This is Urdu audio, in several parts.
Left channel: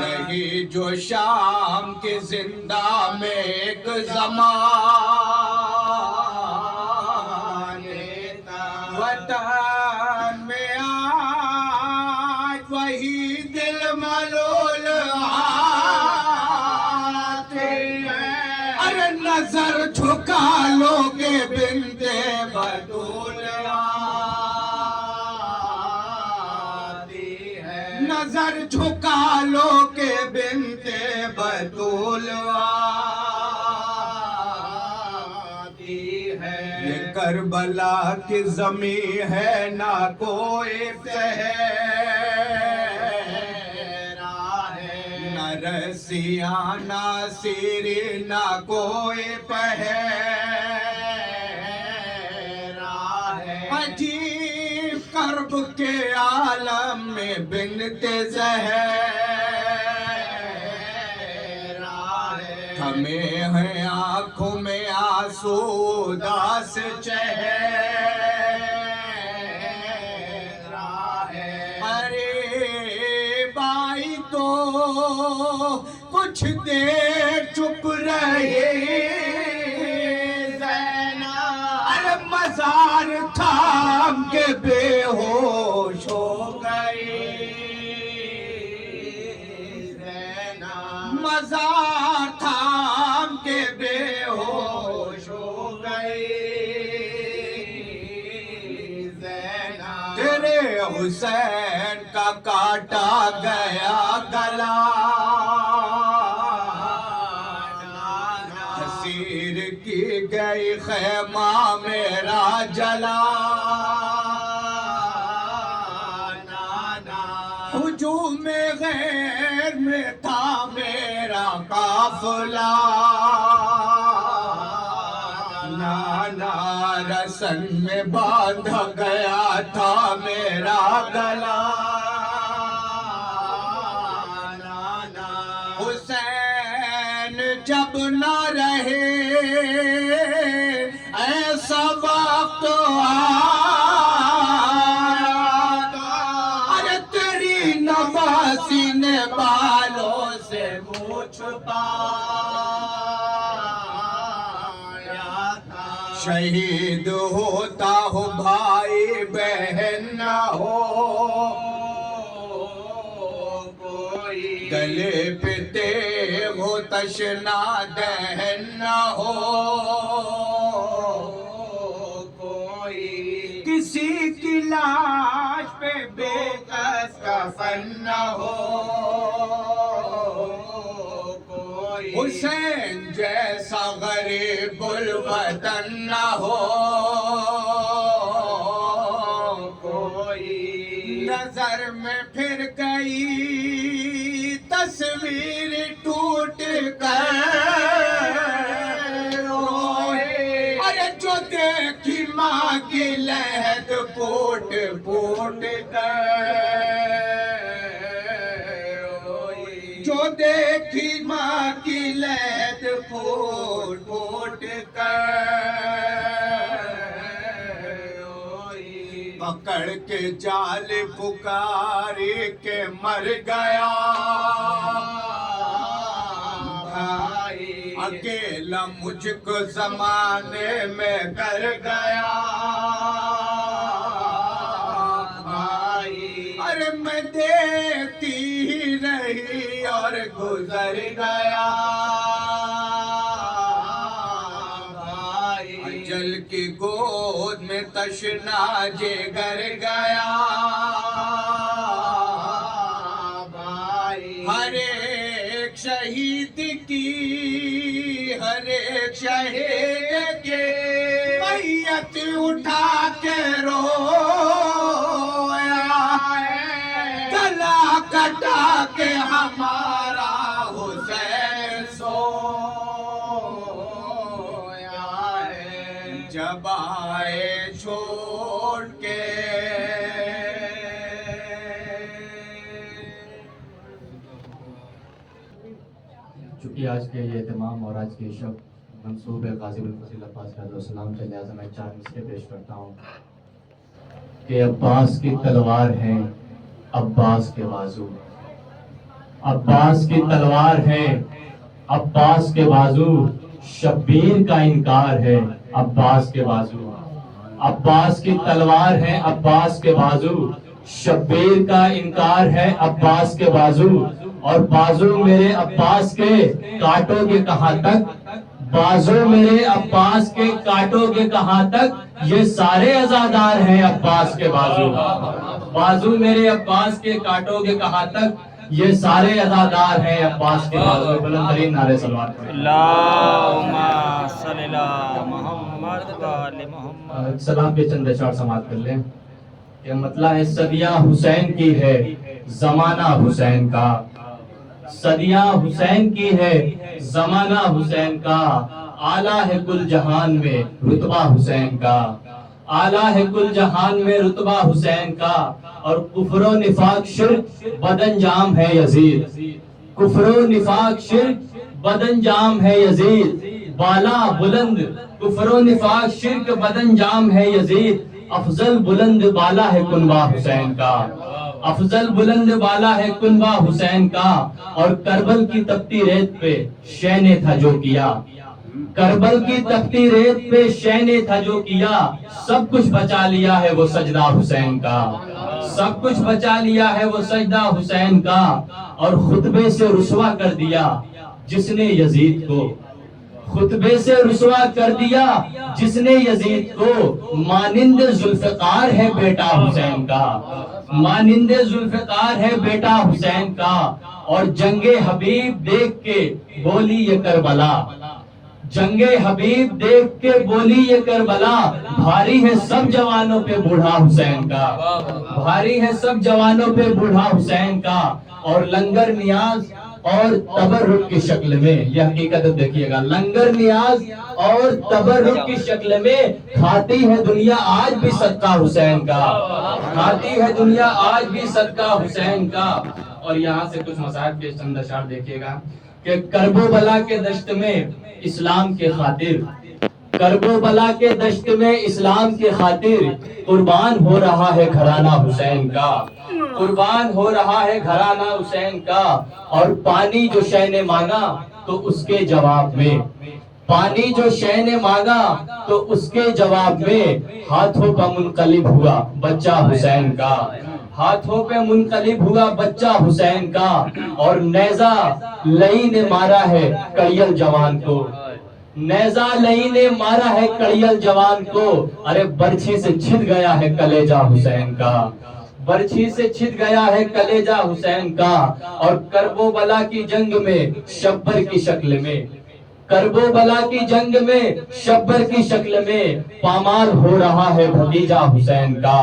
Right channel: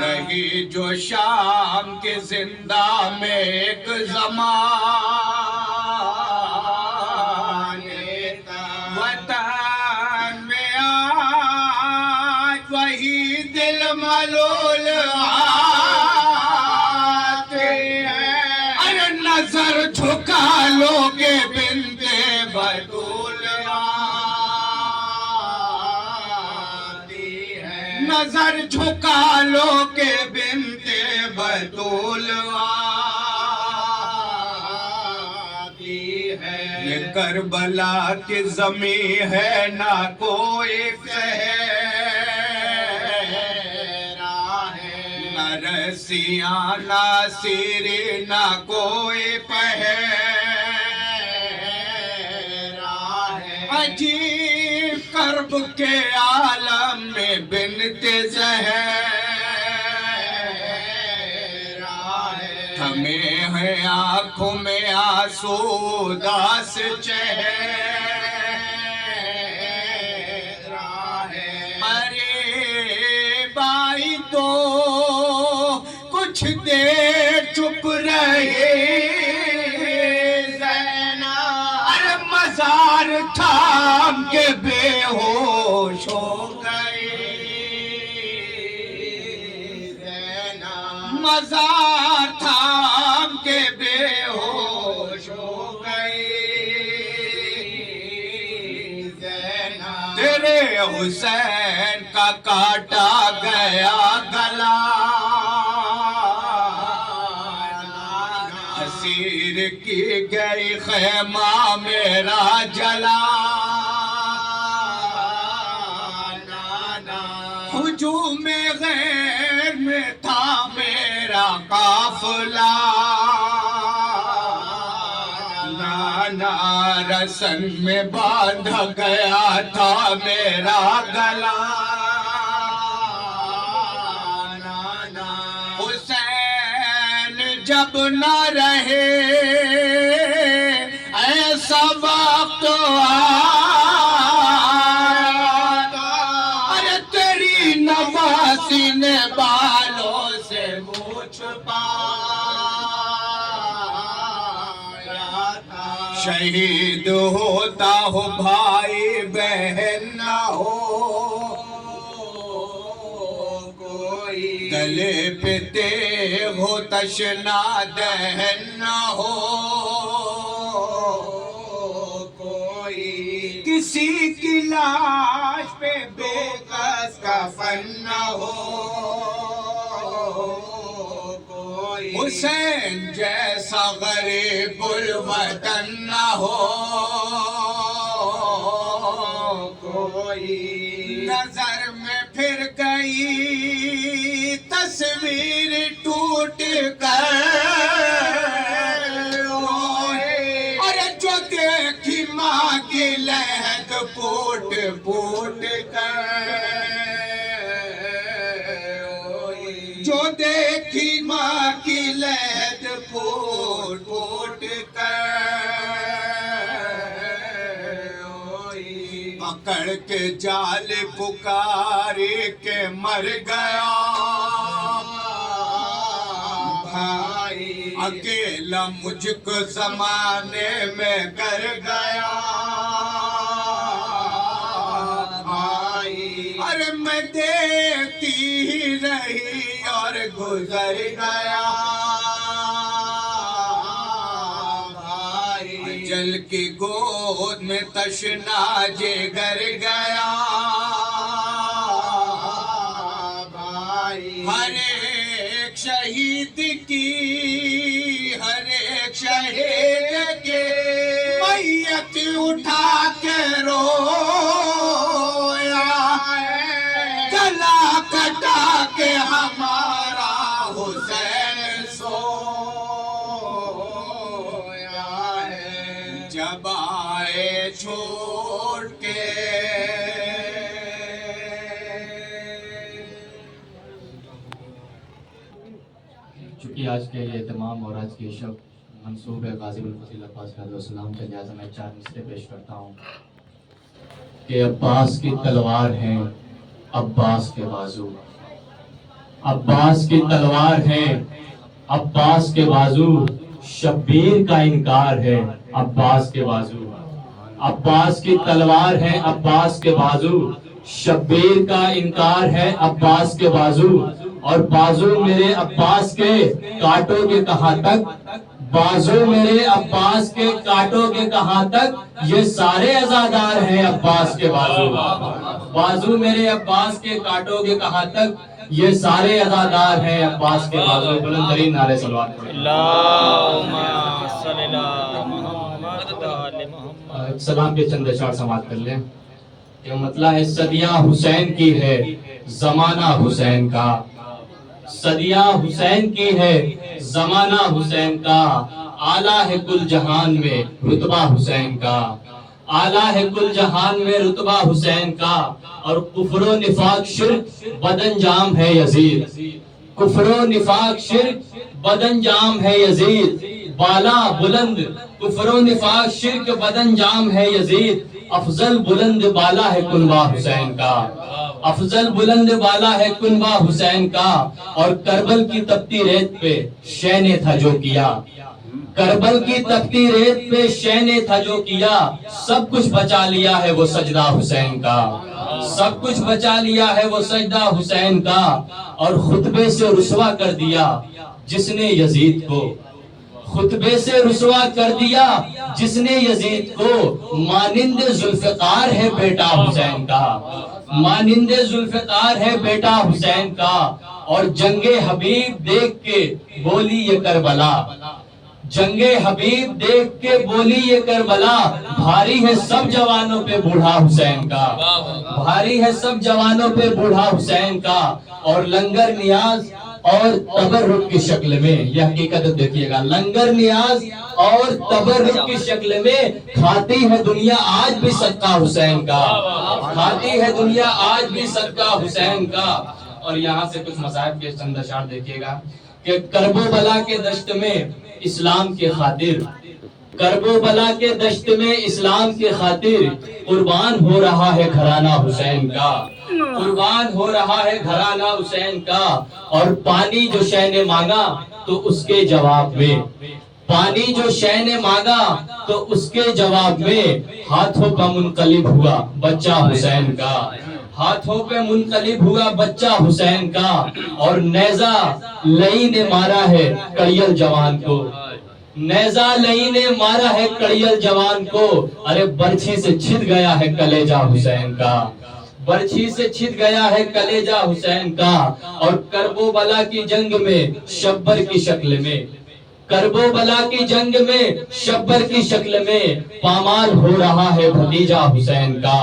رہی جو شام کے زندہ میں ایک زمان، وطن میں آج وہی دل ملول آتے ہیں۔ ارے نظر جھکا لو گے بندے بطول آتی ہے، نظر جھکا لو گے بندے بطول آتی ہے۔ یہ کربلا کی زمین ہے، نہ کوئی صحرا ہے، نہ رسیاں نہ سیری نہ کوئی پہرا ہے۔ عجیب کرب کے عالم میں بنت زہرا ہے، ہمیں ہے آنکھوں میں آنسو اداس چہرہ ہے۔ ارے بائی تو کچھ دیر چپ رہے زینب، ارے مزار تھام کے بے ہوش ہو گئی زینب، مزار تھام کے بے ہوش ہو گئی زینب۔ تیرے حسین کا کاٹا گیا گلا، اسیر کی گئی خیمہ میرا جلا، ہجوم غیر میں تھا میرا قافلہ، نانا رسن میں باندھا گیا تھا میرا گلا، حسین جب نہ رہے ایسا وقت آیا، ارے تیری نواسی نے بالوں سے منہ چھپایا تھا۔ شہید ہوتا ہو بھائی بہن نہ ہو کوئی، گلے پہ تیغ ہو تشنا دہن نہ ہو کوئی، کسی کی لاش پہ بے کس کفن نہ ہو کوئی، حسین جیسا غریب الوطن نہ ہو کوئی۔ نظر میں پھر گئی تصویر ٹوٹ کر، ارے جو دیکھی ماں کی لہد پھوٹ پھوٹ کر، جو دیکھی ماں کی لہد پھوٹ پھوٹ کر، پکڑ کے جال پکاری کے مر گیا بھائی، اکیلا مجھ کو زمانے میں کر گیا بھائی، ارے میں دیکھتی ہی رہی اور گزر گیا بھائی، اجل کی گود میں تشنا جگر گیا بھائی، ہر ایک شہید کی ہر ایک شہید کے میت اٹھا کے رویا ہے، گلا کٹا کے ہمارا حسین سویا ہے، جب آئے چھوڑ کے چونکہ آج کے یہ اہتمام اور آج کی شب منصوب ہے غازی الفضیلت علیہ السلام کے، لہٰذا میں 4 مصرے پیش کرتا ہوں۔ کہ عباس کی تلوار ہے عباس کے بازو، عباس کی تلوار ہے عباس کے بازو، شبیر کا انکار ہے عباس کے بازو، عباس کی تلوار ہے عباس کے بازو، شبیر کا انکار ہے عباس کے بازو، اور بازو میرے عباس کے کاٹو گے کہاں تک، بازو میرے عباس کے کاٹو گے کہاں تک، یہ سارے عزادار ہیں عباس کے بازو، بازو میرے عباس کے کاٹو گے کہاں تک، یہ سارے عزادار ہیں عباس کے بازو۔ بلند ترین نعرے صلوات پڑھیں۔ اللہم صلی اللہ محمد و آل محمد۔ سلام کے چند اشعار سماعت کر لیں کہ مطلع ہے صدیاں حسین کی ہے زمانہ حسین کا، صدیاں حسین کی ہے زمانہ حسین کا، اعلیٰ ہے کل جہان میں رتبہ حسین کا، اعلیٰ ہے کل جہان میں رتبہ حسین کا، اور کفر و نفاق شرک بدانجام ہے یزید، کفر و نفاق شرک بدانجام ہے یزید، بالا بلند کفر و نفاق شرک بدانجام ہے یزید، افضل بلند بالا ہے کنبہ حسین کا، افضل بلند بالا ہے کنبہ حسین کا، اور کربل کی تپتی ریت پہ شے نے تھا جو کیا، کربل کی تپتی ریت پہ شے نے تھا جو کیا، سب کچھ بچا لیا ہے وہ سجدہ حسین کا، سب کچھ بچا لیا ہے وہ سجدہ حسین کا، اور خطبے سے رسوا کر دیا جس نے یزید کو، خطبے سے رسوا کر دیا جس نے یزید کو، مانند ذوالفقار ہے بیٹا حسین کا، مانند ذوالفقار ہے بیٹا حسین کا، اور جنگ حبیب دیکھ کے بولی یہ کربلا، جنگ حبیب دیکھ کے بولی یہ کربلا، بھاری ہے سب جوانوں پہ بوڑھا حسین کا، بھاری ہے سب جوانوں پہ بوڑھا حسین کا، اور لنگر نیاز اور تبرک کی شکل میں، یہ حقیقت دیکھیے گا، لنگر نیاز اور تبرک کی شکل میں کھاتی ہے دنیا آج بھی صدقہ حسین کا، کھاتی ہے دنیا آج بھی صدقہ حسین کا۔ اور یہاں سے کچھ مصائب کے چند اشعار دیکھیے گا کہ کرب و بلا کے دشت میں اسلام کے خاطر، کرب و بلا کے دشت میں اسلام کی خاطر قربان ہو رہا ہے گھرانہ حسین کا، قربان ہو رہا ہے گھرانہ حسین کا، اور پانی جو شے نے مانگا تو اس کے جواب میں، پانی جو شے نے مانگا تو اس کے جواب میں ہاتھوں پہ منقلب ہوا بچہ حسین کا، ہاتھوں پہ منقلب ہوا بچہ حسین کا، اور نیزہ لئی نے مارا ہے کڑیل جوان کو، نیزہ لئی نے مارا ہے کڑیل جوان کو، ارے برچھی سے چھت گیا ہے کلیجہ حسین کا، برچھی سے چھت گیا ہے کلیجہ حسین کا، اور کرب و بلا کی جنگ میں شبر کی شکل میں، کرب و بلا کی جنگ میں شبر کی شکل میں پامال ہو رہا ہے بھتیجا حسین کا،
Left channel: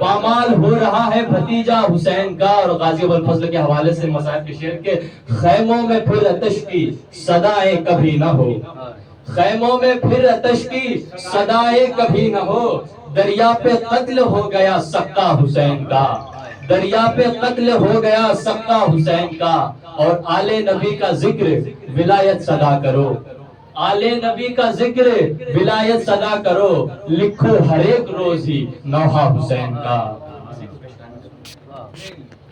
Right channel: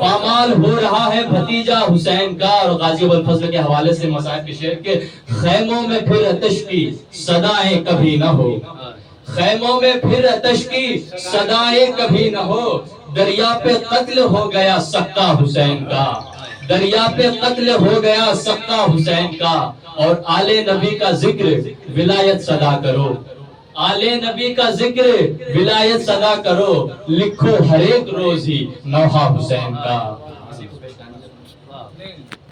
پامال ہو رہا ہے بھتیجا حسین کا۔ اور غازی ابو الفضل کے حوالے سے مصائب کے شعر کے، خیموں میں پھر آتش کی صدائیں کبھی نہ ہو، خیموں میں پھر آتش کی صدائیں کبھی نہ ہو، دریا پہ قتل ہو گیا سکا حسین کا، دریا پہ قتل ہو گیا سکا حسین کا، اور آل نبی کا ذکر ولایت صدا کرو، آل نبی کا ذکر ولایت صدا کرو، لکھو ہر ایک روز ہی نوحہ حسین کا۔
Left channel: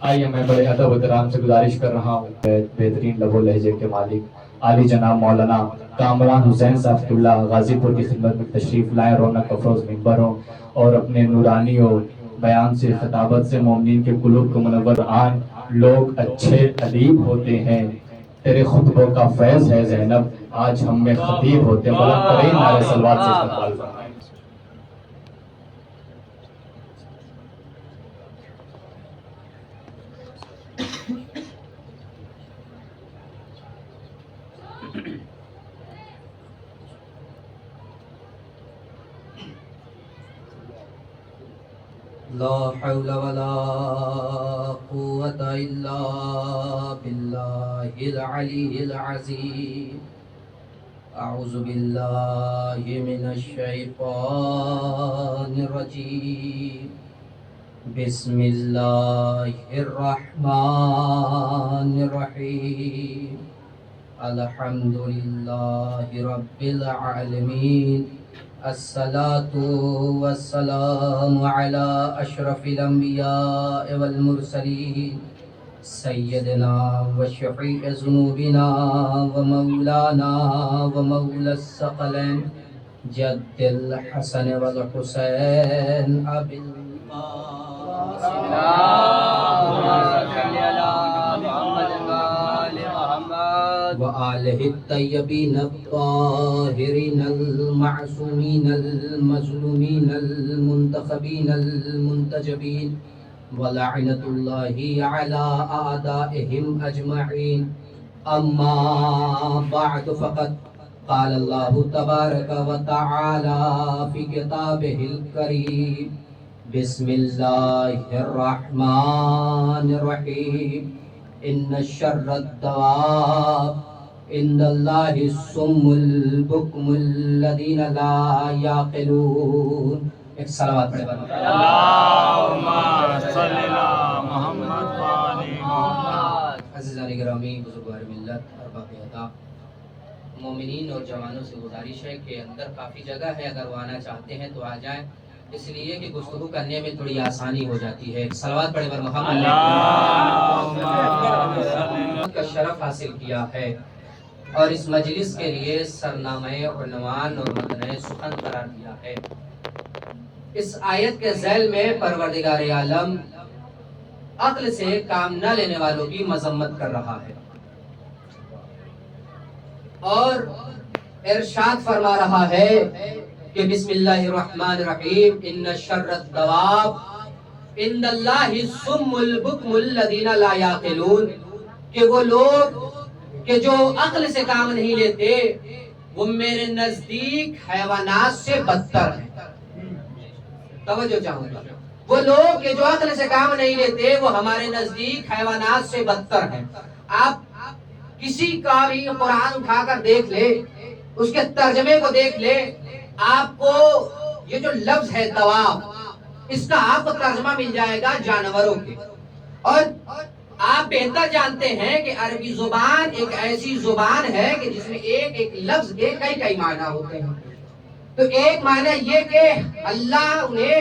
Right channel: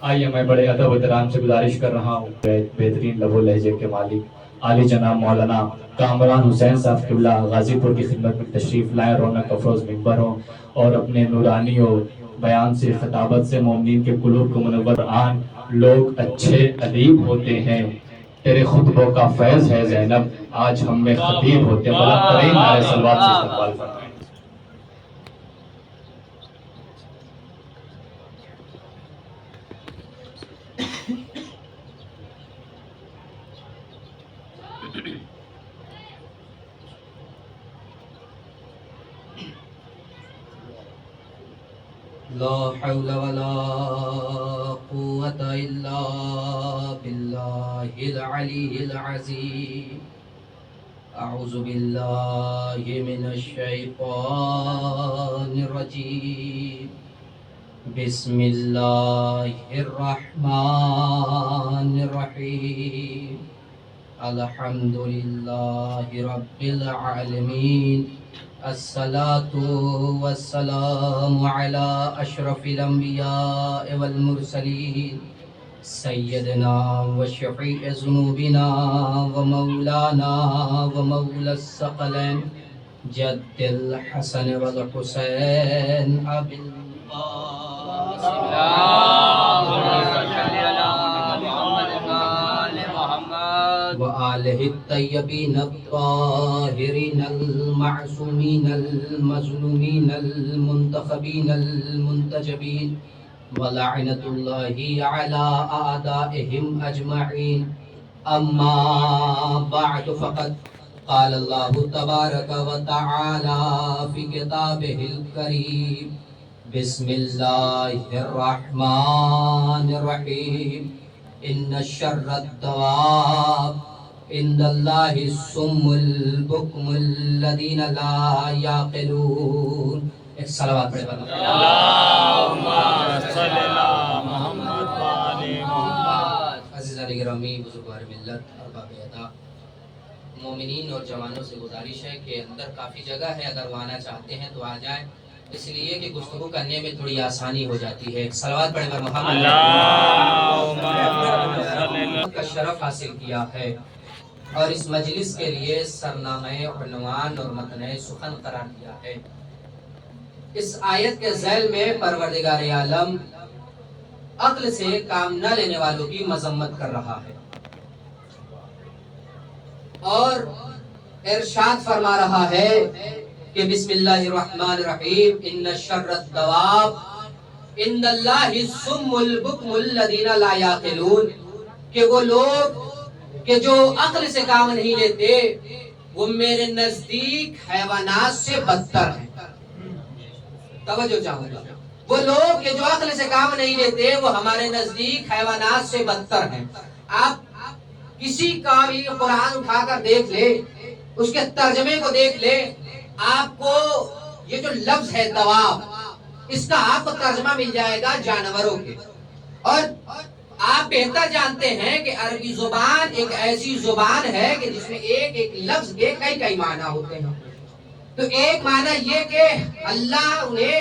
آئیے میں بڑے ادب و احترام سے گزارش کر رہا ہوں بہترین لب و لہجے کے مالک عالی جناب مولانا کامران حسین صاحب قبلہ غازی پور کی خدمت میں تشریف لائے، رونق افروز منبر ہوں، اور اپنے نورانی و بیان سے خطابت سے مومنین کے قلوب کو منور آن۔ لوگ اچھے ادیب ہوتے ہیں، تیرے خطبوں کا فیض ہے زینب، آج ہم میں خطیب ہوتے ہیں۔ بلند ترین نعرے صلوات سے استقبال فرمائیں۔ لا حول ولا قوة إلا بالله العلي العظيم۔ أعوذ بالله من الشيطان الرجيم، بسم الله الرحمن الرحيم، الحمد لله رب العالمين، الصلاة والسلام على أشرف الأنبياء والمرسلين سيدنا وشفيع ذنوبنا ومولانا ومولى الثقلين جد الحسن والحسين أبي القاسم وآله الطيبين الطاهرين المعصومين المظلومين المنتخبين المنتجبين ولعنة الله على أعدائهم أجمعين أما بعد فقد قال الله تبارك وتعالى في كتابه الكريم بسم الله الرحمن الرحيم إن شر الدواب عند الله الصم البكم الذين لا يعقلون. ایک صلوات پڑھے بنا اللہم صلی اللہ محمد والی محمد. عزیزان گرامی، بزرگوار ملت، ارباب عطا، مومنین اور جوانوں سے گزارش ہے کہ اندر کافی جگہ ہے، اگر وہ آنا چاہتے ہیں تو آ جائیں، اس لیے کہ گفتگو کرنے میں تھوڑی آسانی ہو جاتی ہے. صلوات پڑھے بر محمد. اللہم صلی اللہ کا شرف حاصل کیا ہے اور اس مجلس کے لیے سرنامہ عنوان اور متن سخن قرار دیا ہے. اس آیت کے ذیل میں پروردگار عالم عقل سے کام نہ لینے والوں کی مذمت کر رہا ہے اور ارشاد فرما رہا ہے کہ بسم اللہ الرحمن الرحیم ان شر الدواب عند اللہ الصم البکم الذین لا یعقلون، کہ وہ لوگ کہ جو عقل سے کام نہیں لیتے وہ میرے نزدیک حیوانات سے بدتر ہیں. توجہ چاہوں گا، وہ لوگ کہ جو عقل سے کام نہیں لیتے وہ ہمارے نزدیک حیوانات سے بدتر ہیں. آپ کسی کا بھی قرآن اٹھا کر دیکھ لے، اس کے ترجمے کو دیکھ لے، آپ کو یہ جو لفظ ہے دواب، اس کا آپ کو ترجمہ مل جائے گا جانوروں کے. اور آپ بہتر جانتے ہیں کہ عربی زبان ایک ایسی زبان ہے کہ جس میں ایک ایک لفظ کے کئی معنی ہوتے ہیں. تو ایک معنی یہ کہ اللہ انہیں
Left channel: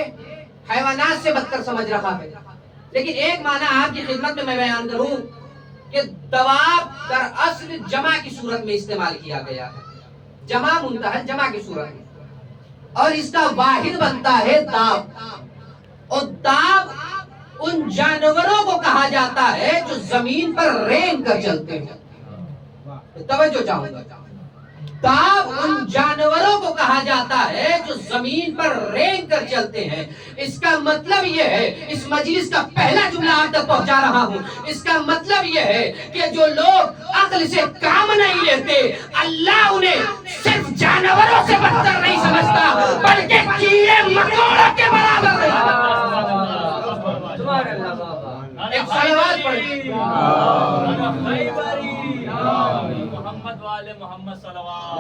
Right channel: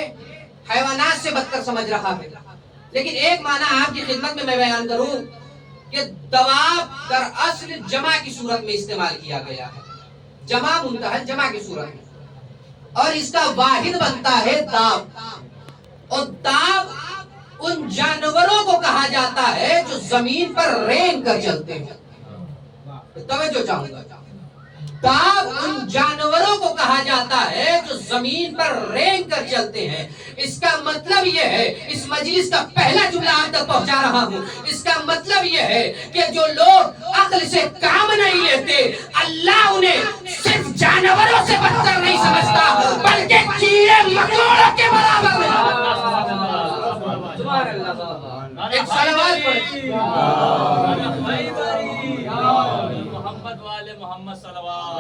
حیوانات سے بدتر سمجھ رہا ہے، لیکن ایک معنی آپ کی خدمت میں بیان کروں کہ دواب در اصل جمع کی صورت میں استعمال کیا گیا ہے، جمع منتہا جمع کی صورت میں، اور اس کا واحد بنتا ہے داب. اور داب ان جانوروں کو کہا جاتا ہے جو زمین پر رینگ کر چلتے ہیں. توجہ چاہوں گا، داب ان جانوروں کو کہا جاتا ہے جو زمین پر رینگ کر چلتے ہیں. اس کا مطلب یہ ہے، اس مجلس کا پہلا جملہ آپ تک پہنچا رہا ہوں، اس کا مطلب یہ ہے کہ جو لوگ عقل سے کام نہیں لیتے اللہ انہیں صرف جانوروں سے بدتر نہیں سمجھتا بلکہ کیڑے مکوڑوں کے برابر ہے. ایک صلوات پڑھیں. محمد والے محمد صلوات.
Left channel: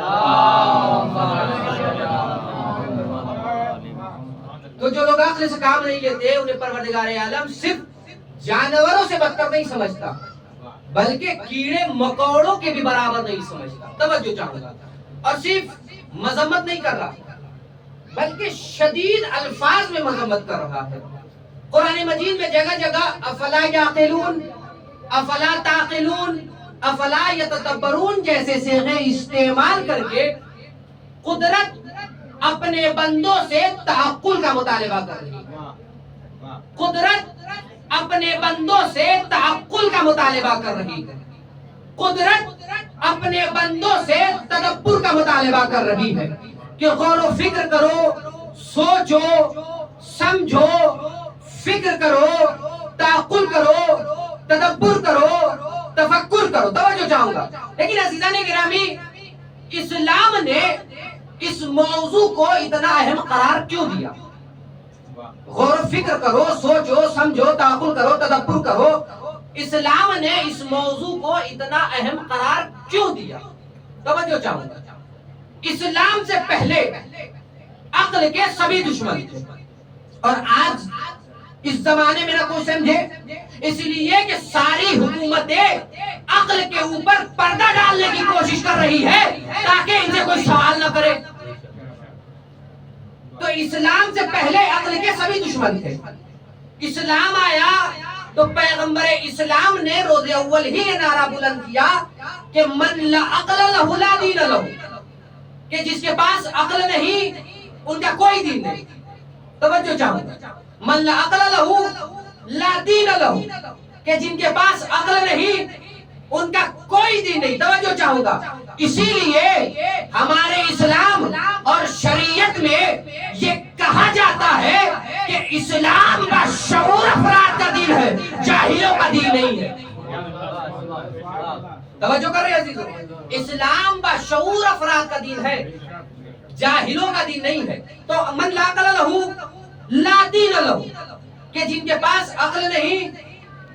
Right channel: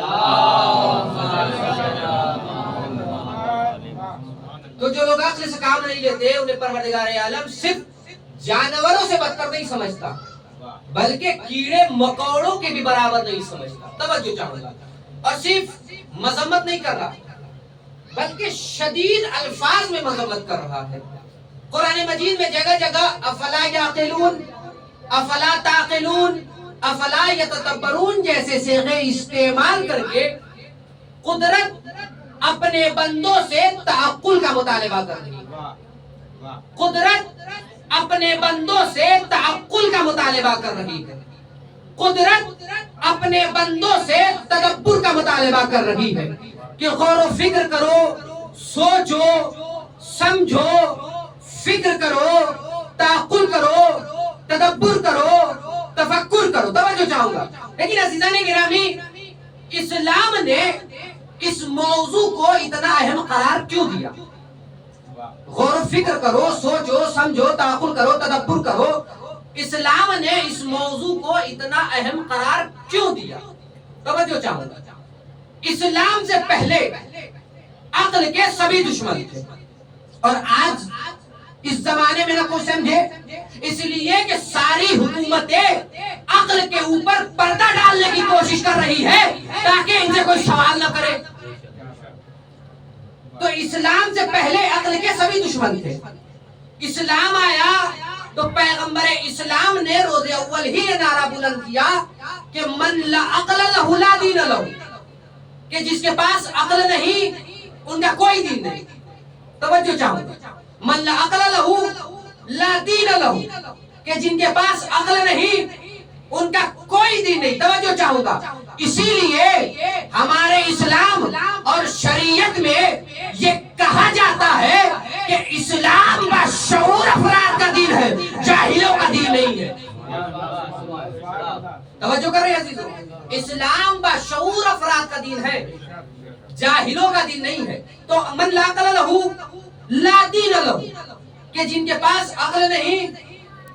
تو جو لوگ عقل سے کام نہیں لیتے انہیں پروردگار عالم صرف جانوروں سے بدتر نہیں سمجھتا بلکہ کیڑے مکوڑوں کے بھی برابر نہیں سمجھتا. توجہ چاہوں گا، اور صرف مذمت نہیں کر رہا بلکہ شدید الفاظ میں مذمت کر رہا ہے. قرآن مجید میں جگہ جگہ افلا یعقلون، افلا تعقلون، افلا یتدبرون جیسے صیغے استعمال کر کے قدرت اپنے بندوں سے تعقل کا مطالبہ کر رہی ہے. قدرت اپنے بندوں سے تعقل کا مطالبہ کر رہی ہے. قدرت اپنے بندوں سے تدبر کا مطالبہ کر رہی ہے کہ غور و فکر کرو، سوچو، سمجھو، فکر کرو، تعقل کرو، تدبر کرو، تفکر کرو. توجہ چاہوں گا. لیکن عزیزان گرامی، اسلام نے اس موضوع کو اتنا اہم قرار کیوں دیا؟ غور و فکر کرو، سوچو، سمجھو، تعقل کرو، تدبر کرو. اسلام نے اس موضوع کو اتنا اہم قرار کیوں دیا؟ توجہ چاہوں گا. اسلام سے پہلے عقل کے سبھی دشمن تھے اور آج اس زمانے میں نہ کوئی سمجھے، اس لیے کہ ساری حکومتیں عقل کے اوپر پردہ ڈالنے کی کوشش کر رہی ہے تاکہ ان سے کوئی سوال نہ کرے. تو اسلام سے پہلے عقل کے سبھی دشمن تھے. اسلام آیا تو پیغمبر اسلام نے روز اول ہی یہ نعرہ بلند کیا کہ من لا عقل لہ لا دین لہ، کہ جس کے پاس عقل نہیں ان کا کوئی دین نہیں. توجہ چاہوں گا، من لا عقل لہ لا دین لہ، کہ جن کے پاس عقل نہیں ان کا کوئی دین نہیں. توجہ چاہوں گا، اسی لیے ہمارے اسلام اور شریعت میں یہ کہا جاتا ہے کہ اسلام کا شعور افراد کا دین ہے، جاہلوں کا دین نہیں ہے. توجہ کر رہے ہیں عزیزو، اسلام با شعور افراد کا دین ہے، جاہلوں کا دین نہیں ہے. تو من لا عقل لہ لا دین لہ، کہ جن کے پاس عقل نہیں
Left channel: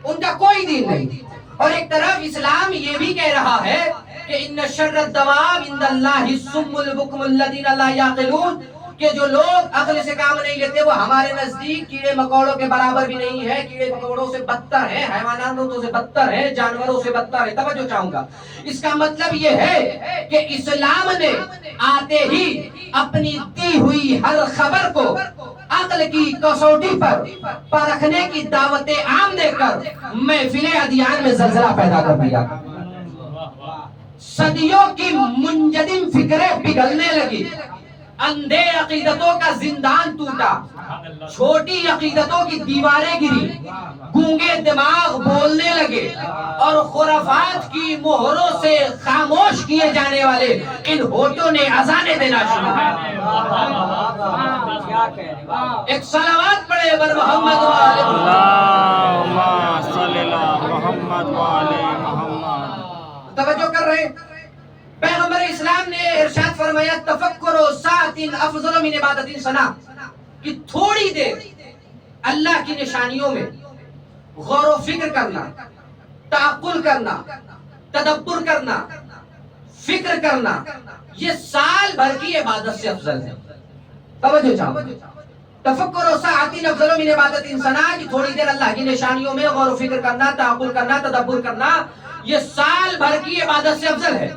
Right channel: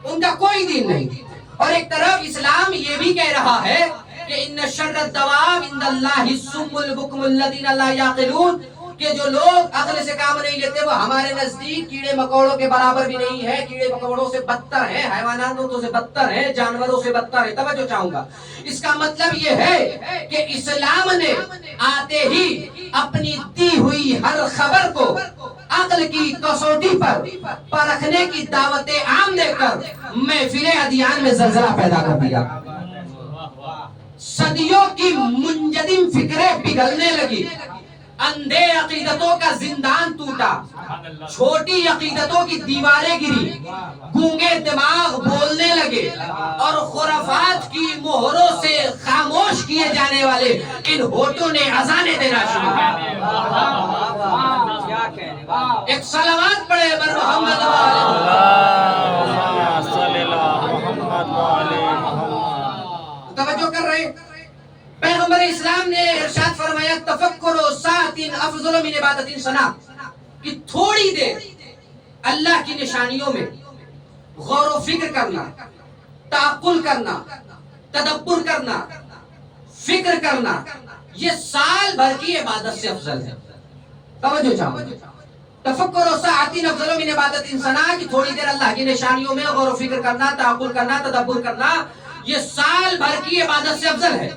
ان کا کوئی دین نہیں. اور ایک طرف اسلام یہ بھی کہہ رہا ہے کہ ان شر الدواب عند اللہ الصم البکم الذین لا یعقلون، کہ جو لوگ عقل سے کام نہیں لیتے وہ ہمارے نزدیک کیڑے مکوڑوں کے برابر بھی نہیں ہے، کیڑے مکوڑوں سے بدتر ہیں، حیواناتوں سے بدتر ہیں، جانوروں سے بدتر ہے. توجہ چاہوں گا، اس کا مطلب یہ ہے کہ اسلام نے آتے ہی اپنی دی ہوئی ہر خبر کو عقل کی کسوٹی پر پرکھنے کی دعوت عام دے کر محفل ادیان میں زلزلہ پیدا کر دیا. صدیوں کی منجدم فکریں پگھلنے لگی، اندھے عقیدتوں کا زندان ٹوٹا، چھوٹی عقیدتوں کی دیواریں گری، گونگے دماغ بولنے لگے، اور خرافات کی مہروں سے خاموش کیے جانے والے ان ہونٹوں نے اذانیں دینا شروع کیا. ایک صلوات پڑھے بر محمد اللہم صلی اللہ محمد وعلی محمد. توجہ کر رہے ہیں، پیغمبر اسلام نے ارشاد فرمایا تفکر ساعت افضل من عبادت سنہ، کہ تھوڑی دیر اللہ کی نشانیوں میں غور و فکر کرنا، تعقل کرنا، تدبر کرنا، فکر کرنا، یہ سال بھر کی عبادت سے افضل ہے. توجہ چاہو، تفکر ساعت افضل من عبادت سنہ، کہ تھوڑی دیر اللہ کی نشانیوں میں غور و فکر کرنا، تعقل کرنا، تدبر کرنا، یہ سال بھر کی عبادت سے افضل ہے.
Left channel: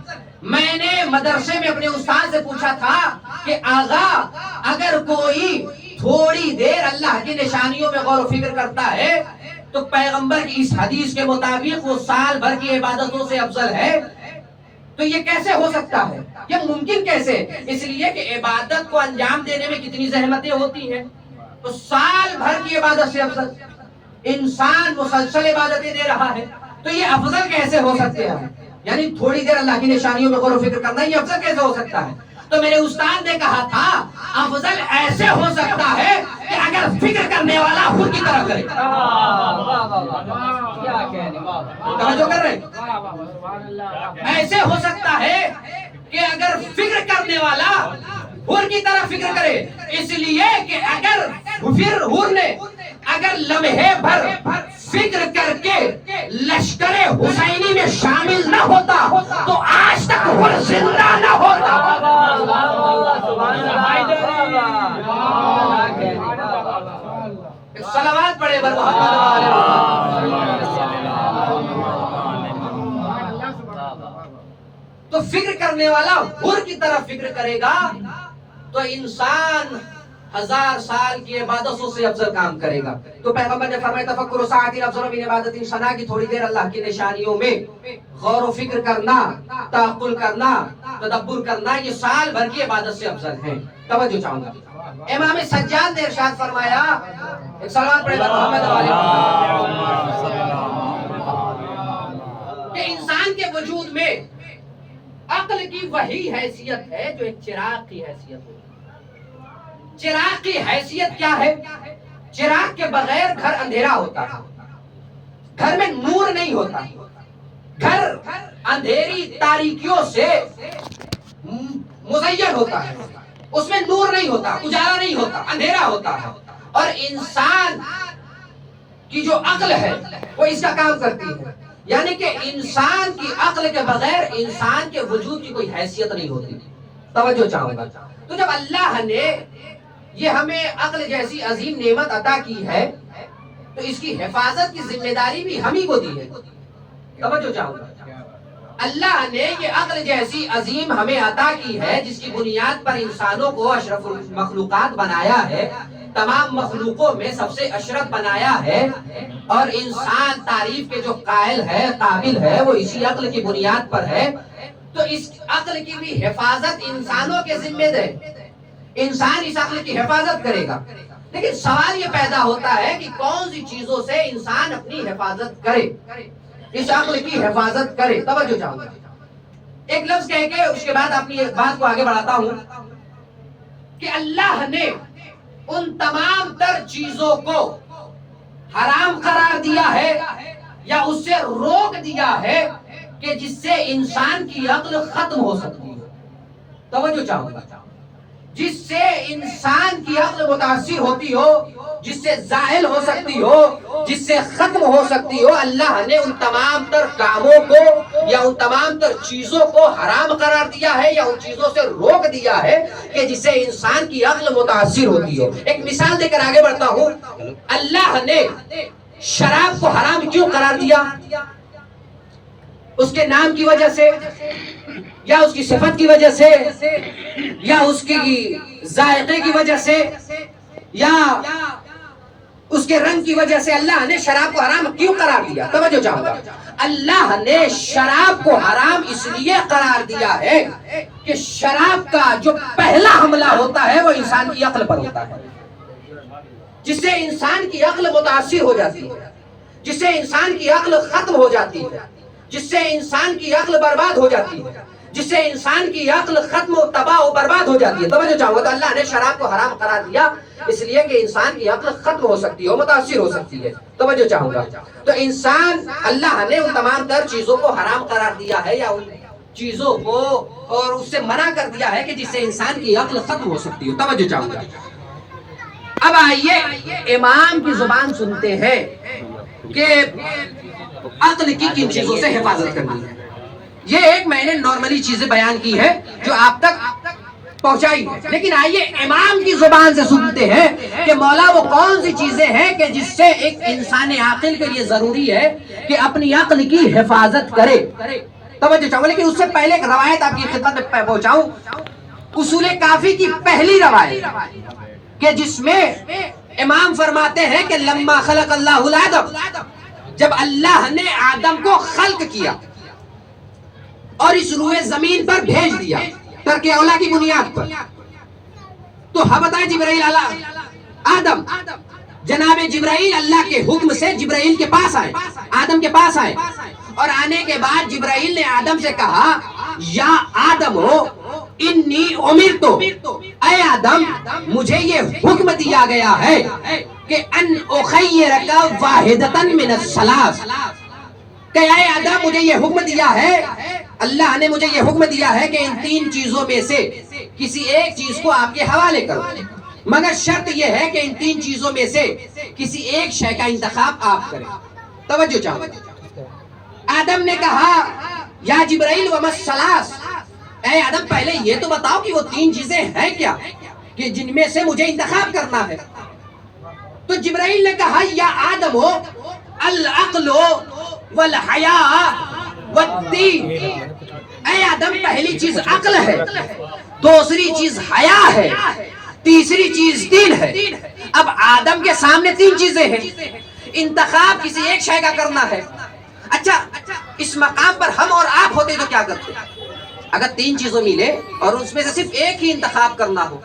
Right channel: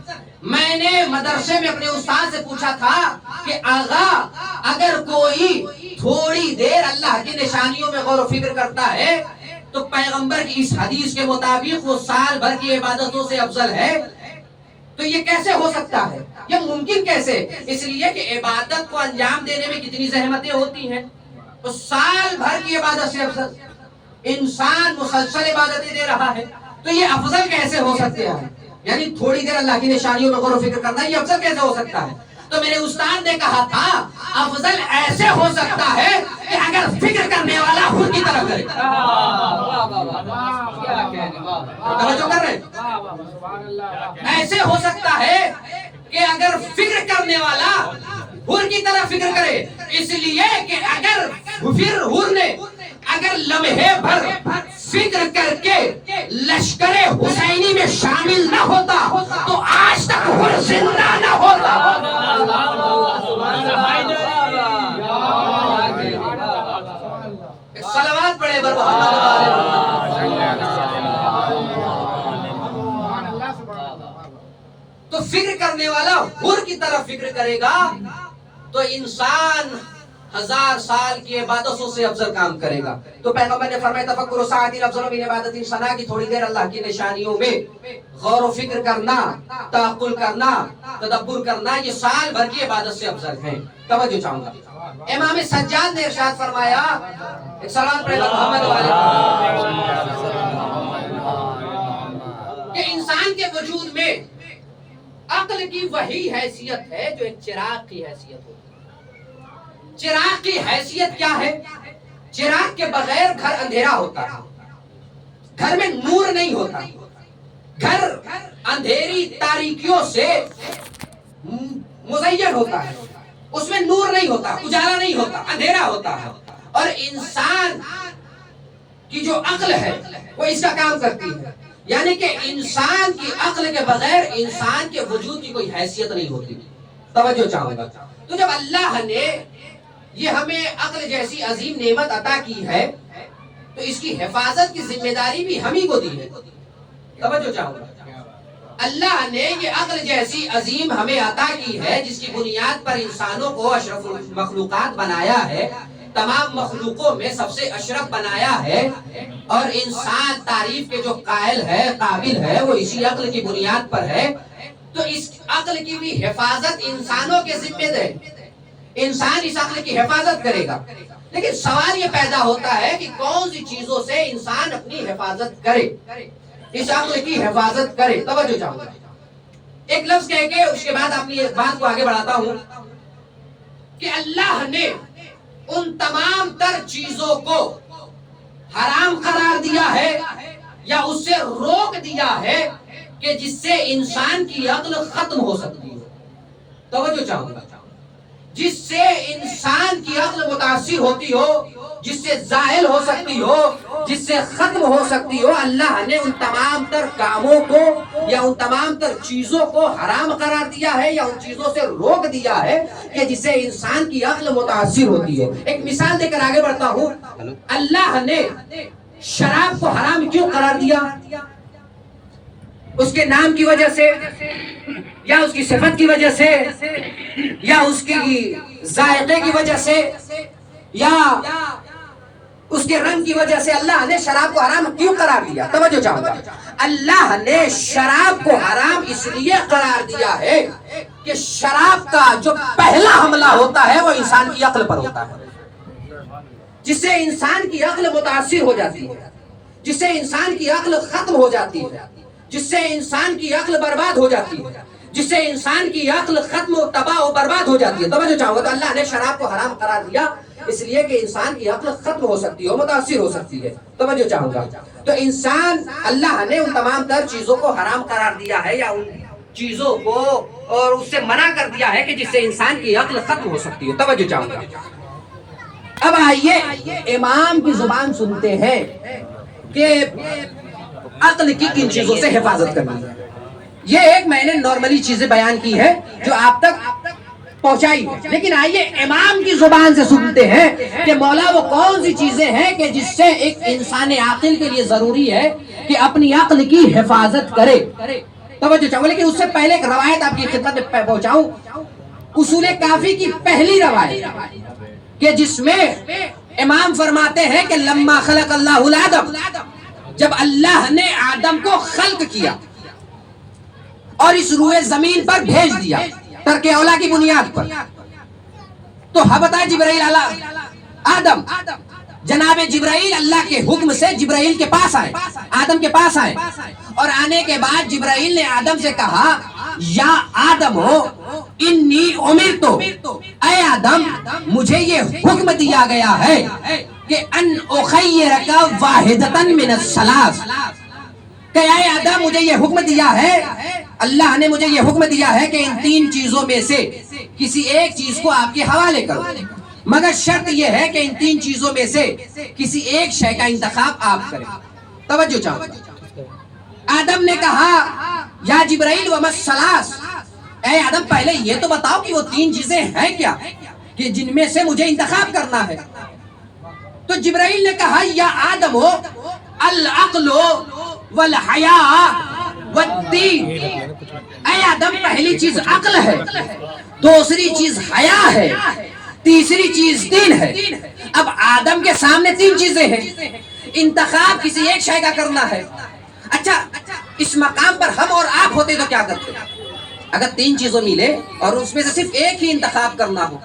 میں نے مدرسے میں اپنے استاد سے پوچھا تھا کہ آغا اگر کوئی تھوڑی دیر اللہ کی نشانیوں میں غور و فکر کرتا ہے تو پیغمبر کی اس حدیث کے مطابق وہ سال بھر کی عبادتوں سے افضل ہے، تو یہ کیسے ہو سکتا ہے؟ یہ ممکن کیسے؟ اس لیے کہ عبادت کو انجام دینے میں کتنی زحمتیں ہوتی ہیں. تو سال بھر کی عبادت سے افضل، انسان مسلسل عبادتیں دے رہا ہے، تو یہ افضل کیسے ہو سکتے ہیں؟ یعنی تھوڑی دیر اللہ کی نشانیوں میں غور و فکر کرنا، یہ افضل کیسے ہو سکتا ہے؟ تو میرے استاد نے کہا تھا افضل ایسے ہو سکتا ہے کہ اگر فکر کرنے والا خود کی طرف کرے. توجہ کر رہے ہیں؟ ایسے ہو سکتا ہے کہ اگر فکر کرنے والا حر کی طرح فکر کرے، اس لیے کہ اگر پھر حر نے اگر لمحے بھر فکر کر کے لشکر حسینی میں شامل نہ ہوتا تو آج تک حر زندہ نہ ہوتا. صلوات پڑھے بر تو فکر کرنے والا حر کی طرف فکر کرے گا تو انسان 1000 سال کی عبادتوں سے افضل کام کرے گا. تو پیغمبر نے فرمایا تفکر ساعت افضل من عبادت سنہ، کی تھوڑی دیر اللہ کی نشانیوں میں غور و فکر کرنا، تعقل کرنا، تدبر کرنا، یہ سال بھر کی عبادت سے افضل ہے. توجہ چاہوں گا، امام سجاد نے ارشاد فرمایا، ایک صلوات پڑھے محمد والے، کہ انسان کے وجود میں عقل کی وہی حیثیت ہے جو ایک چراغ کی حیثیت ہوتی ہے. چراغ کی حیثیت کیا ہے؟ چراغ کے بغیر گھر اندھیرا ہوتا ہے، گھر میں نور نہیں ہوتا، گھر اندھیری تاریکیوں سے مزین ہوتا ہے، اس میں نور نہیں ہوتا، اجالا نہیں ہوتا، اندھیرا ہوتا ہے. اور انسان کی جو عقل ہے وہ اس کا کام کرتی ہے، یعنی کہ انسان کی عقل کے بغیر انسان کے وجود کی کوئی حیثیت نہیں ہوتی. توجہ چاہوں گا، تو جب اللہ نے یہ ہمیں عقل جیسی عظیم نعمت عطا کی ہے تو اس کی حفاظت کی ذمہ داری بھی ہم ہی کو دی ہے. توجہ چاہوں گا، اللہ نے یہ عقل جیسی عظیم ہمیں عطا کی ہے جس کی بنیاد پر انسانوں کو اشرف المخلوقات بنایا ہے، تمام مخلوقوں میں سب سے اشرف بنایا ہے، اور انسان تعریف کے جو قائل ہے، قابل ہے، وہ اسی عقل کی بنیاد پر ہے۔ تو اس عقل کی بھی حفاظت انسانوں کے ذمہ دے، انسان اس عقل کی حفاظت کرے گا۔ لیکن سوال یہ پیدا ہوتا ہے کہ کون سی چیزوں سے انسان اپنی حفاظت کرے، اس عقل کی حفاظت کرے۔ توجہ چاہوں گا، ایک لفظ کہہ کے اس کے بعد اپنی بات کو آگے بڑھاتا ہوں کہ اللہ نے ان تمام تر چیزوں کو حرام قرار دیا ہے یا اس سے روک دیا ہے کہ جس سے انسان کی عقل ختم ہو سکتی ہو۔ توجہ چاہوں گا، جس سے انسان کی عقل متاثر ہوتی ہو، جس سے زائل ہو سکتی ہو، جس سے ختم ہو سکتی ہو، اللہ نے ان تمام تر کاموں کو یا ان تمام تر چیزوں کو حرام قرار دیا ہے یا ان چیزوں سے روک دیا ہے کہ جس سے انسان کی عقل متاثر ہوتی ہو۔ ایک مثال دے کر آگے بڑھتا ہوں۔ اللہ نے شراب کو حرام کیوں قرار دیا؟ اس کے نام کی وجہ سے، یا اس کی صفت کی وجہ سے، یا اس کی ذائقے کی وجہ سے، یا اس کے رنگ کی وجہ سے اللہ نے شراب کو حرام کیوں قرار دیا؟ توجہ چاہوں گا، اللہ نے شراب کو حرام اس لیے قرار دیا ہے کہ شراب کا جو پہلا حملہ ہوتا ہے وہ انسان کی عقل پر ہوتا ہے، جس سے انسان کی عقل متاثر ہو جاتی ہے، جس سے انسان کی عقل ختم ہو جاتی ہے، جس سے انسان کی عقل برباد ہو جاتی ہے، جس سے انسان کی عقل ختم و تباہ و برباد ہو جاتی ہے۔ توجہ چاہوں گا، تو اللہ نے شراب کو حرام قرار دیا اس لیے کہ انسان کی عقل ختم ہو سکتی ہے، متاثر ہو سکتی ہے۔ توجہ چاہوں گا، تو انسان، اللہ نے ان تمام تر چیزوں کو حرام قرار دیا ہے یا ان چیزوں کو اور اس سے منع کر دیا ہے کہ جس سے انسان کی عقل ختم ہو سکتی ہے۔ توجہ چاہوں گا، اب آئیے امام کی زبان سنتے ہیں کہ عقل کی کن چیزوں سے حفاظت کرنی ہے۔ یہ ایک میں نے نارملی چیزیں بیان کی ہے جو آپ تک پہنچائی ہے، لیکن آئیے امام کی زبان سے سنتے ہیں کہ مولا وہ کون سی چیزیں ہیں کہ جس سے ایک انسان عاقل کے لیے ضروری ہے کہ اپنی عقل کی حفاظت کرے۔ توجہ چاہوں، لیکن اس سے پہلے ایک روایت آپ کی خدمت میں پہنچاؤں، اصول کافی کی پہلی روایت کہ جس میں امام فرماتے ہیں کہ لما خلق اللہ الآدم، جب اللہ نے آدم کو خلق کیا اور اس روئے زمین پر بھیج دیا ترک اولا کی بنیاد پر، تو بتائے جبرائیل آدم، جناب جبرائیل اللہ کے حکم سے جبرائیل کے پاس آئے، آدم کے پاس آئے، اور آنے کے بعد جبرائیل نے آدم سے کہا یا آدم ہو انی امرتو، اے آدم مجھے یہ حکم دیا گیا ہے کہ ان اخیرک واحدتن من الثلاث، کہ اے آدم مجھے یہ حکم دیا ہے، اللہ نے مجھے یہ حکم دیا ہے کہ ان تین چیزوں میں سے کسی ایک چیز کو آپ کے حوالے کرو، مگر شرط یہ ہے کہ ان تین چیزوں میں سے کسی ایک شے کا انتخاب آپ کریں۔ توجہ چاہو، آدم نے کہا یا جبرائیل وما الثلاث، اے آدم پہلے یہ تو بتاؤ کہ وہ تین چیزیں ہیں کیا کہ جن میں سے مجھے انتخاب کرنا ہے۔ تو جبرائیل نے کہا یا آدم ہو العقل والحیاء والدین، اے آدم پہلی چیز عقل ہے، دوسری چیز حیا ہے، تیسری چیز دین ہے۔ اب آدم کے سامنے تین چیزیں ہیں، انتخاب کسی ایک شے کا کرنا ہے۔ اچھا اس مقام پر ہم اور آپ ہوتے تو کیا کرتے؟ اگر تین چیزوں ملے اور اس میں سے صرف ایک ہی انتخاب کرنا ہو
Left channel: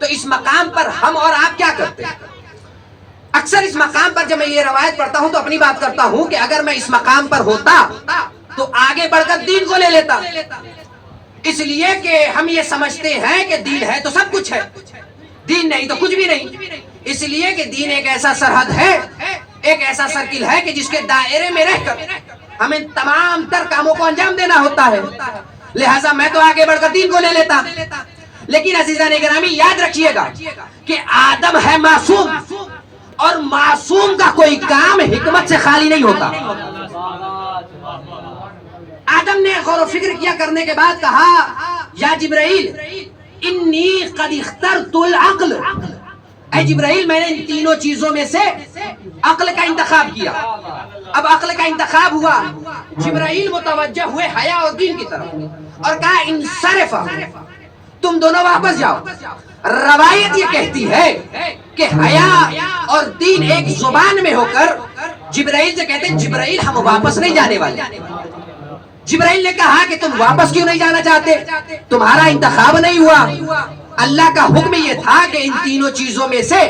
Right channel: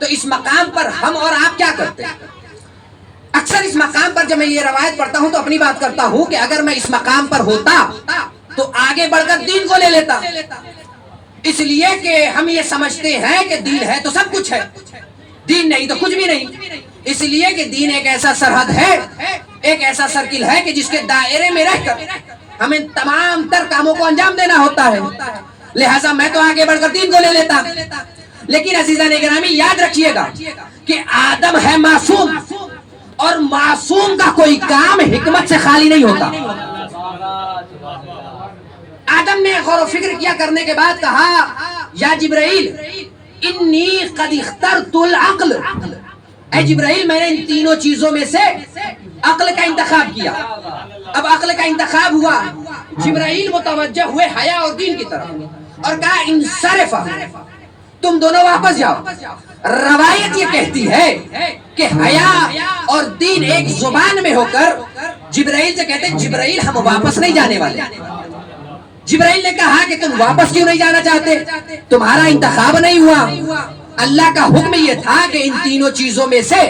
تو اس مقام پر ہم اور آپ کیا کرتے؟ اکثر اس مقام پر جب میں یہ روایت پڑھتا ہوں تو اپنی بات کرتا ہوں کہ اگر میں اس مقام پر ہوتا تو آگے بڑھ کر دین کو لے لیتا، اس لیے کہ ہم یہ سمجھتے ہیں کہ دین ہے تو سب کچھ ہے، دین نہیں تو کچھ بھی نہیں، اس لیے کہ دین ایک ایسا سرحد ہے، ایک ایسا سرکل ہے کہ جس کے دائرے میں رہ کر ہمیں تمام تر کاموں کو انجام دینا ہوتا ہے، لہٰذا میں تو آگے بڑھ کر دین کو لے لیتا۔ لیکن عزیزان گرامی یاد رکھیے گا کہ آدم ہے معصوم، اور معصوم کا کوئی کام حکمت سے خالی نہیں ہوتا۔ آدم نے غور و فکر کیا کرنے کے بعد کہا یا جبرائیل انی قد اخترت العقل، اے جبرائیل میں نے ان تینوں چیزوں میں سے عقل کا انتخاب کیا۔ اب عقل کا انتخاب ہوا، جبرائیل متوجہ ہوئے حیا اور دین کی طرف اور کہا انصرف، تم دونوں واپس جاؤ۔ روایت یہ کہتی ہے کہ حیا اور دین ایک زبان میں ہو کر جبرائیل سے کہتے ہیں جبرائیل ہم واپس نہیں جانے والے۔ جبرائیل نے کہا کہ تم واپس کیوں نہیں جانا چاہتے؟ تمہارا انتخاب نہیں ہوا۔ اللہ کا حکم یہ تھا کہ ان تینوں چیزوں میں سے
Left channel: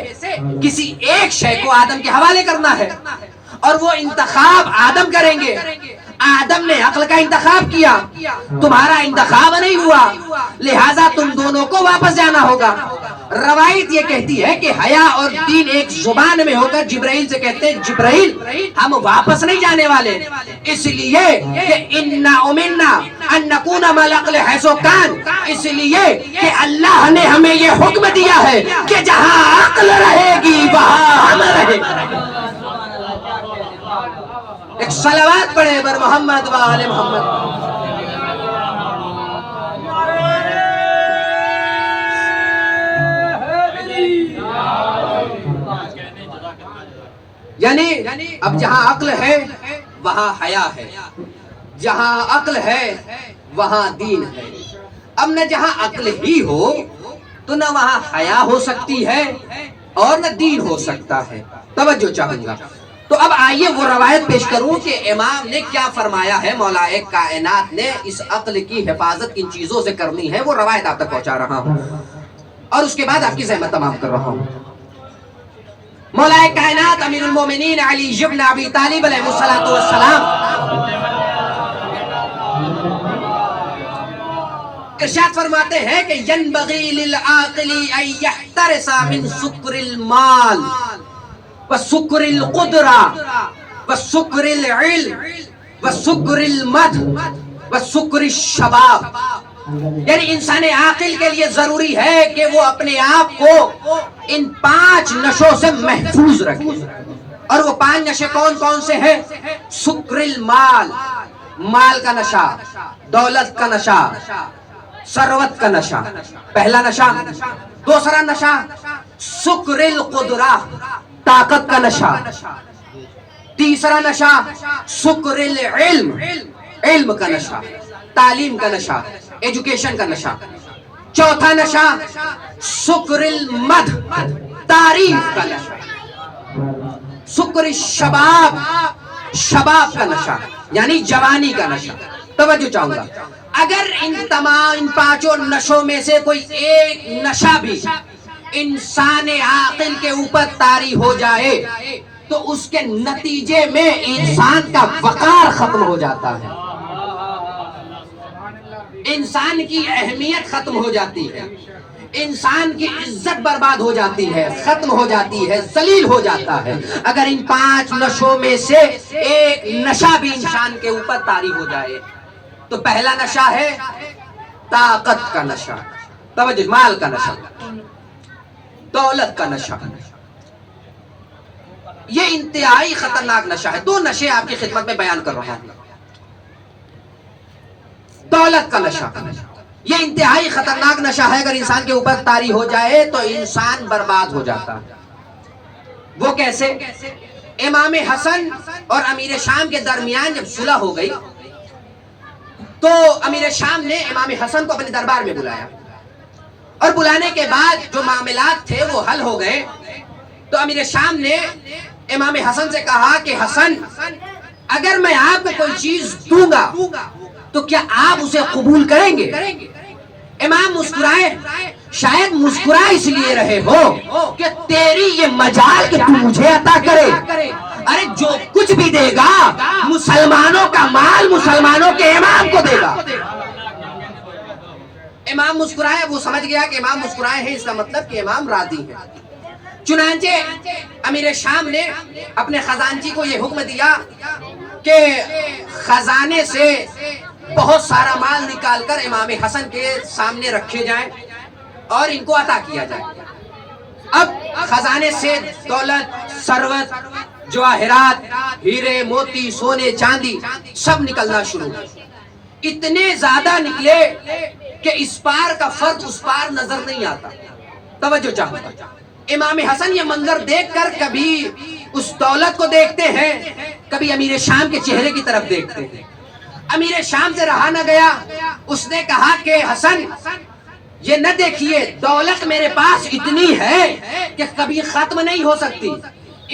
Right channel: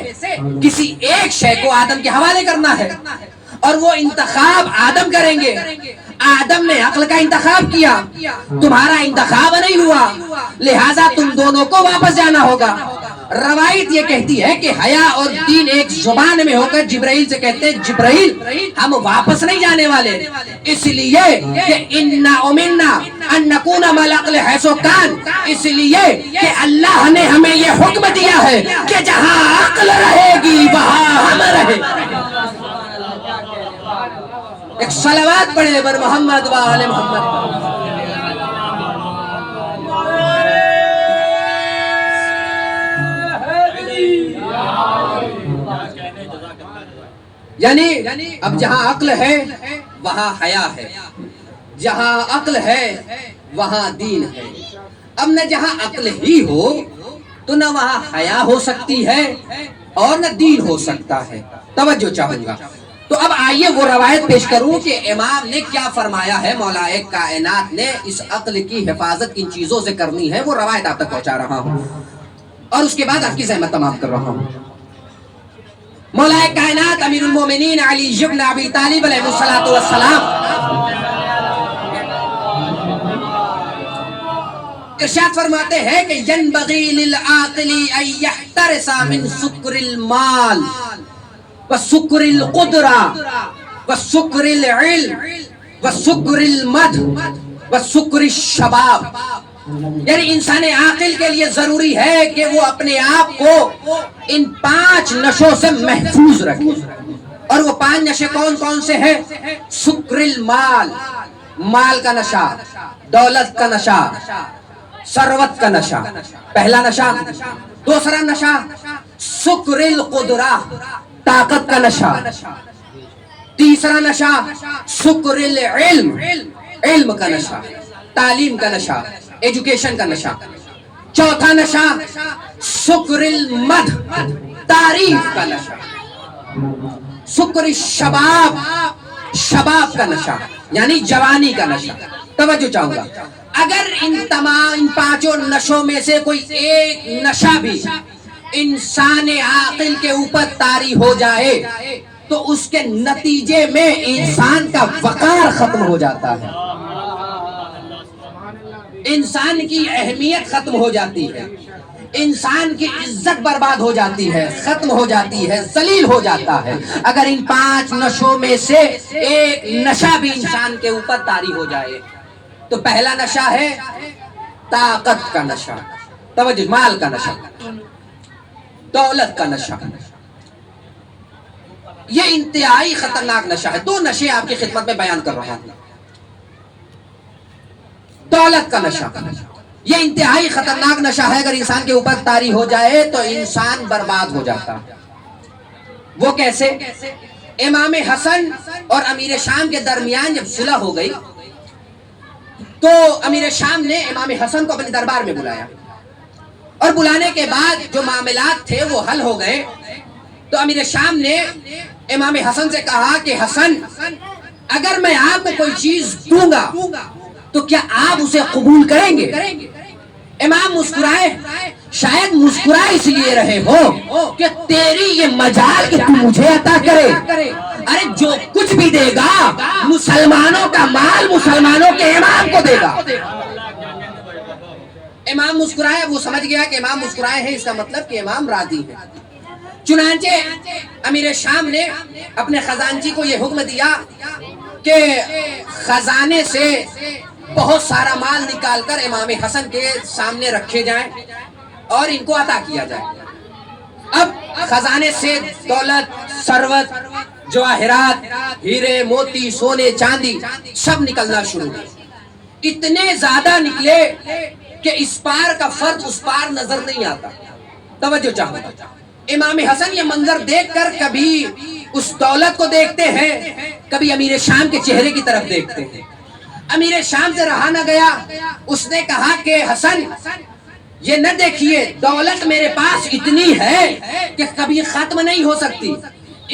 کسی ایک شے کو آدم کے حوالے کرنا ہے اور وہ انتخاب آدم کریں گے۔ آدم نے عقل کا انتخاب کیا، تمہارا انتخاب نہیں ہوا، لہٰذا تم دونوں کو واپس جانا ہوگا۔ روایت یہ کہتی ہے کہ حیا اور دین ایک زبان میں ہو کر جبرائیل سے کہتے ہیں جبرائیل ہم واپس نہیں جانے والے، اس لیے کہ انا امرنا ان نکون مع العقل حیث کان، اس لیے کہ اللہ نے ہمیں یہ حکم دیا ہے کہ جہاں عقل رہے گی وہاں ہم رہیں گے۔ ایک صلوات پڑھے بر محمد و آل محمد۔ یعنی اب جہاں عقل ہے وہاں حیا ہے، جہاں عقل ہے وہاں دین ہے۔ اب نہ جہاں عقل ہی ہو تو نہ وہاں حیا ہو سکتی ہے اور نہ دین ہو سکتا ہے۔ توجہ چاہوں گا، تو اب آئیے وہ روایت پیش کروں کہ امام نے کیا فرمایا ہے، مولا کائنات نے اس عقل کی حفاظت ان چیزوں سے کرنی ہے، وہ روایت آپ تک پہنچا رہا ہوں اور اس کے بعد آپ کی زحمت تمام کر رہا ہوں۔ مولا کائنات امیر المومنین علی بن ابی طالب علیہ الصلوۃ والسلام ارشاد فرماتے ہیں کہ ینبغی للعاقل ان یحترس من سکر المال وسکر القدرہ وسکر العلم وسکر المدح وسکر الشباب، یعنی انسان عاقل کے لیے ضروری ہے کہ وہ اپنے آپ کو ان 5 نشوں سے محفوظ رکھے، اور وہ 5 نشے کون کون سے ہیں؟ سکر المال، مال کا نشہ، دولت کا نشہ، ثروت کا نشہ، پہلا نشہ۔ دوسرا نشہ سکر القدرہ، طاقت کا نشہ۔ تیسرا نشہ سکر العلم، علم کا نشہ، تعلیم کا نشہ، ایجوکیشن کا نشہ۔ چوتھا نشہ سکر المدح، تعریف کا نشہ۔ سکر الشباب، شباب کا نشہ یعنی جوانی کا نشہ۔ توجہ چاہوں گا، اگر ان 5 نشوں میں سے کوئی ایک نشہ بھی انسان عاقل کے اوپر طاری ہو جائے تو اس کے نتیجے میں انسان کا وقار ختم ہو جاتا ہے، انسان کی اہمیت ختم ہو جاتی ہے، انسان کی عزت برباد ہو جاتی ہے، ختم ہو جاتی ہے، ذلیل ہو جاتا ہے اگر ان 5 نشوں میں سے ایک نشہ بھی انسان کے اوپر طاری ہو جائے۔ تو پہلا نشہ ہے طاقت کا نشہ، توجہ، مال کا نشہ، دولت کا نشہ۔ یہ انتہائی خطرناک نشہ ہے۔ 2 نشے آپ کی خدمت میں بیان کر رہا ہوں۔ دولت کا نشہ یہ انتہائی خطرناک نشہ ہے، اگر انسان کے اوپر طاری ہو جائے تو انسان برباد ہو جاتا ہے۔ وہ کیسے؟ امام حسن اور امیر شام کے درمیان جب صلح ہو گئی تو امیر شام نے امام حسن کو اپنے دربار میں بلایا، اور بلانے کے بعد جو معاملات تھے وہ حل ہو گئے تو امیر شام نے امام حسن سے کہا کہ حسن، اگر میں آپ کو کوئی چیز دوں گا تو کیا آپ اسے قبول کریں گے؟ امام مسکرائے، شاید مسکرائے اس لیے رہے ہو کہ تیری یہ مجال کہ تو مجھے عطا کرے، ارے جو کچھ بھی دے گا مسلمانوں کا مال مسلمانوں کے امام کو دے گا۔ امام مسکرائے، وہ سمجھ گیا کہ امام مسکرائے ہیں اس کا مطلب کہ امام راضی ہے۔ چنانچہ امیر شام نے اپنے خزانچی کو یہ حکم دیا کہ خزانے سے بہت سارا مال نکال کر امام حسن کے سامنے رکھے جائیں اور ان کو عطا کیا جائے۔ اب خزانے سے دولت، ثروت، جواہرات، ہیرے، موتی، سونے، چاندی سب نکلنا شروع ہوئے۔ اتنے زیادہ نکلے کہ اس پار کا فرد اس پار نظر نہیں آتا۔ توجہ چاہوں گا، امام حسن یہ منظر دیکھ کر کبھی اس دولت کو دیکھتے ہیں، کبھی امیر شام کے چہرے کی طرف دیکھتے ہیں، امیر شام سے رہا نہ گیا، اس نے کہا کہ حسن یہ نہ دیکھیے دولت میرے پاس اتنی ہے کہ کبھی ختم نہیں ہو سکتی،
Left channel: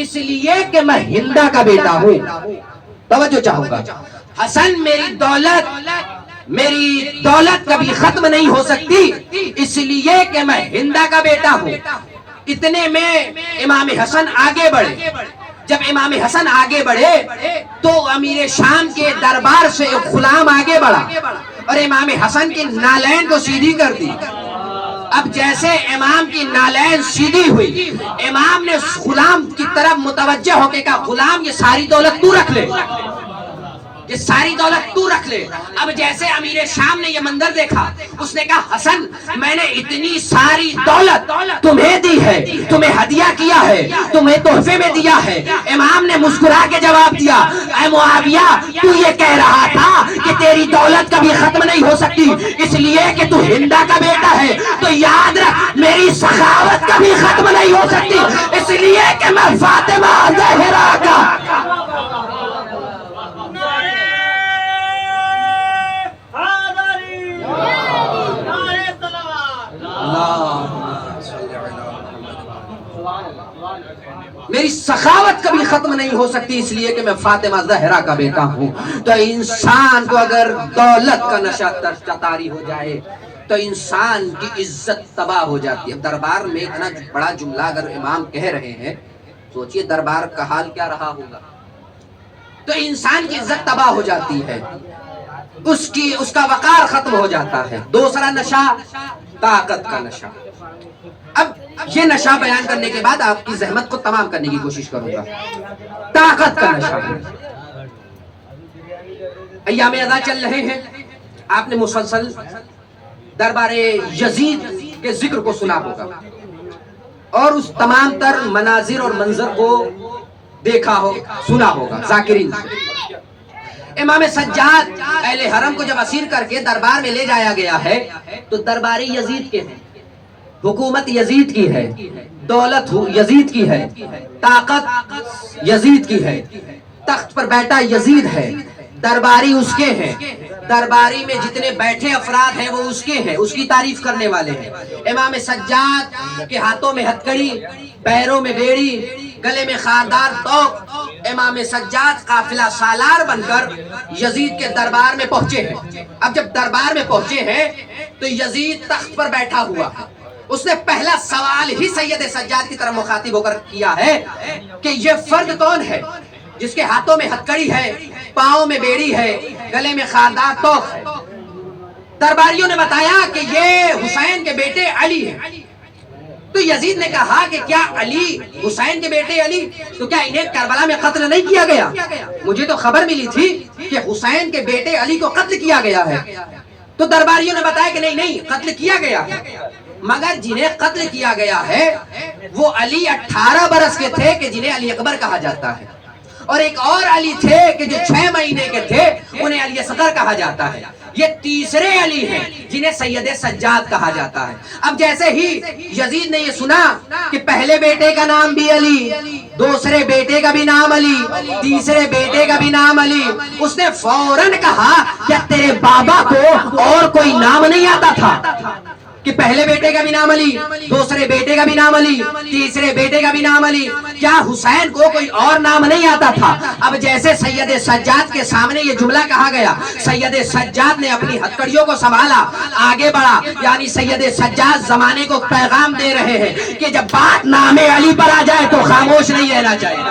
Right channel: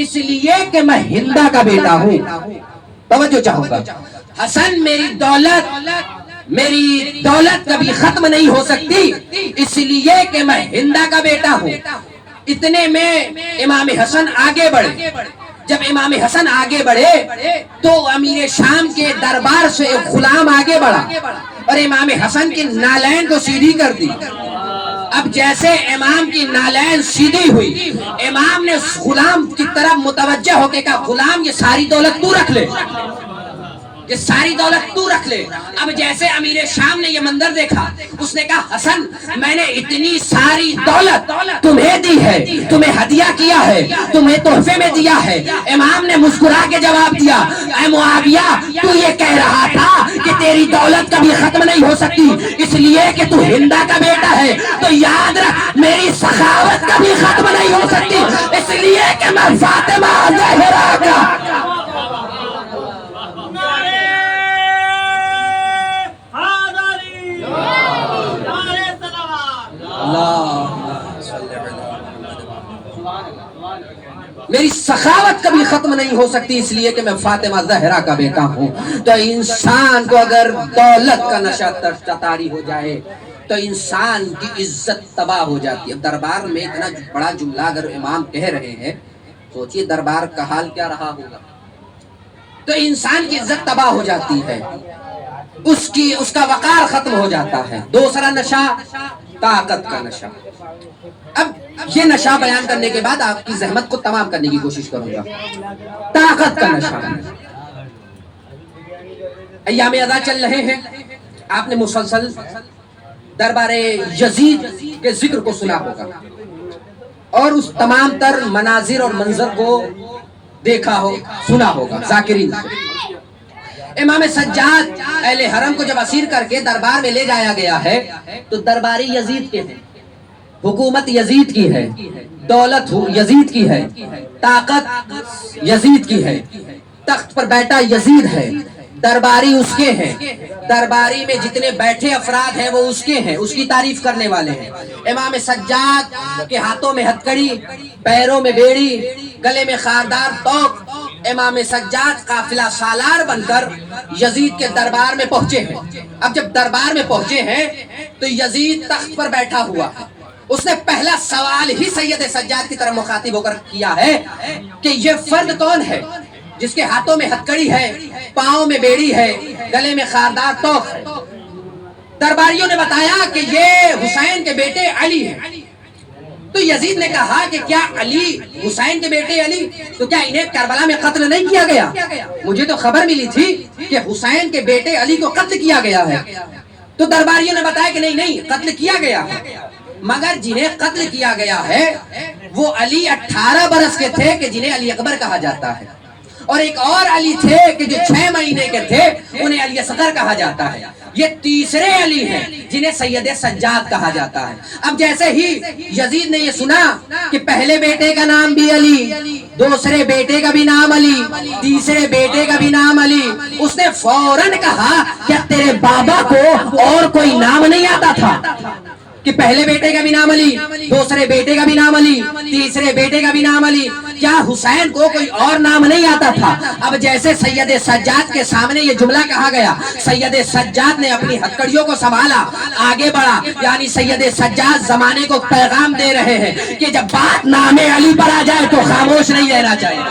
اس لیے کہ میں ہندا کا بیٹا ہوں. توجہ چاہوں گا، حسن میری دولت کبھی ختم نہیں ہو سکتی، اس لیے کہ میں ہندا کا بیٹا ہوں. اتنے میں امام حسن آگے بڑھے. جب امام حسن آگے بڑھے تو امیر شام کے دربار سے ایک غلام آگے بڑھا اور امام حسن کی نالین کو سیدھی کر دی. اب جیسے امام کی نالین سیدھی ہوئی، امام نے غلام کی طرف متوجہ ہو کے کہا غلام یہ ساری دولت تو رکھ لے، یہ ساری دولت تو رکھ لے. اب جیسے امیر شام نے یہ منظر دیکھا، اس نے کہا حسن میں نے اتنی ساری دولت تمہیں دی ہے، تمہیں ہدیہ کیا ہے، تمہیں تحفے میں دیا ہے. امام نے مسکرا کے جواب دیا اے معاویہ تو یہ کہہ رہا تھا کہ تیری دولت کبھی ختم نہیں ہو سکتی اس لیے کہ تو ہندا کا بیٹا ہے، تو یاد رکھ میری سخاوت کبھی ختم نہیں ہو سکتی اس لیے کہ میں فاطمہ زہرا کا. میری سخاوت کبھی ختم نہیں ہو سکتی اس لیے کہ میں فاطمہ زہرا کا بیٹا ہوں. تو انسان کو اگر دولت کا نشہ طاری ہو جائے تو انسان کی عزت تباہ ہو جاتی ہے. دربار میں اتنا بڑا جملہ اگر امام کہہ رہے ہیں، سوچئے دربار کا حال کیا رہا ہوگا. تو انسان کی عزت تباہ ہو جاتی ہے، اس کا وقار ختم ہو جاتا ہے. دوسرا نشہ طاقت کا نشہ. اب یہ نشہ بیان کرنے کے بعد آپ کی زحمت کو تمام کرنے کی کوشش کروں گا. طاقت کا نشہ. ایام ادا چل رہے ہیں، آپ نے مسلسل دربار یزید کے ذکر کو سنا ہوگا اور اس تمام تر مناظر اور منظر کو دیکھا ہو سنا ہوگا ذاکرین سے. امام سجاد اہل حرم کو جب اسیر کر کے دربار میں لے جایا گیا ہے تو درباری یزید کے ہیں، حکومت یزید کی ہے، دولت یزید کی ہے، طاقت یزید کی ہے، تخت پر بیٹھا یزید ہے، درباری اس کے ہیں، درباری میں جتنے بیٹھے افراد ہیں وہ اس کے ہیں، اس کی تعریف کرنے والے ہیں. امام سجاد کے ہاتھوں میں ہتھکڑی، پیروں میں بیڑی، گلے میں خاردار توق. امام سجاد قافلہ سالار بن کر یزید کے دربار میں پہنچے ہیں. اب جب دربار میں پہنچے ہیں تو یزید تخت پر بیٹھا ہوا ہے. اس نے پہلا سوال ہی سید سجاد کی طرف مخاطب ہو کر کیا ہے کہ یہ فرد کون ہے جس کے ہاتھوں میں ہتھکڑی ہے، پاؤں میں بیڑی ہے، گلے میں خاردار توق ہے. درباریوں نے بتایا کہ یہ حسین کے بیٹے علی ہیں. تو یزید نے کہا کہ کیا علی حسین کے بیٹے علی، تو کیا انہیں کربلا میں قتل نہیں کیا گیا؟ مجھے تو خبر ملی تھی کہ حسین کے بیٹے علی کو قتل کیا گیا ہے. تو درباریوں نے بتایا کہ نہیں قتل کیا گیا ہے، مگر جنہیں قتل کیا گیا ہے وہ علی 18 برس کے تھے کہ جنہیں علی اکبر کہا جاتا ہے، اور ایک اور علی تھے کہ جو 6 مہینے کے تھے انہیں علی اصغر کہا جاتا ہے. یہ تیسرے علی ہیں جنہیں سید سجاد کہا جاتا ہے. اب جیسے ہی یزید نے یہ سنا کہ پہلے بیٹے کا نام بھی علی، دوسرے بیٹے کا بھی نام علی، تیسرے بیٹے کا بھی نام علی، اس نے فوراً کہا کہ تیرے بابا کو اور کوئی نام نہیں آتا تھا کہ پہلے بیٹے کا بھی نام علی، دوسرے بیٹے کا بھی نام علی، تیسرے بیٹے کا بھی نام علی، کیا حسین کو کوئی اور نام نہیں آتا تھا؟ اب جیسے سید سجاد کے سامنے یہ جملہ کہا گیا، سید سجاد نے اپنی ہتھکڑیوں کو سنبھالا، آگے بڑھا. یعنی سید سجاد زمانے کو پیغام دے رہے ہیں کہ جب بات نام علی پر آ جائے تو خاموش نہیں رہنا چاہیے.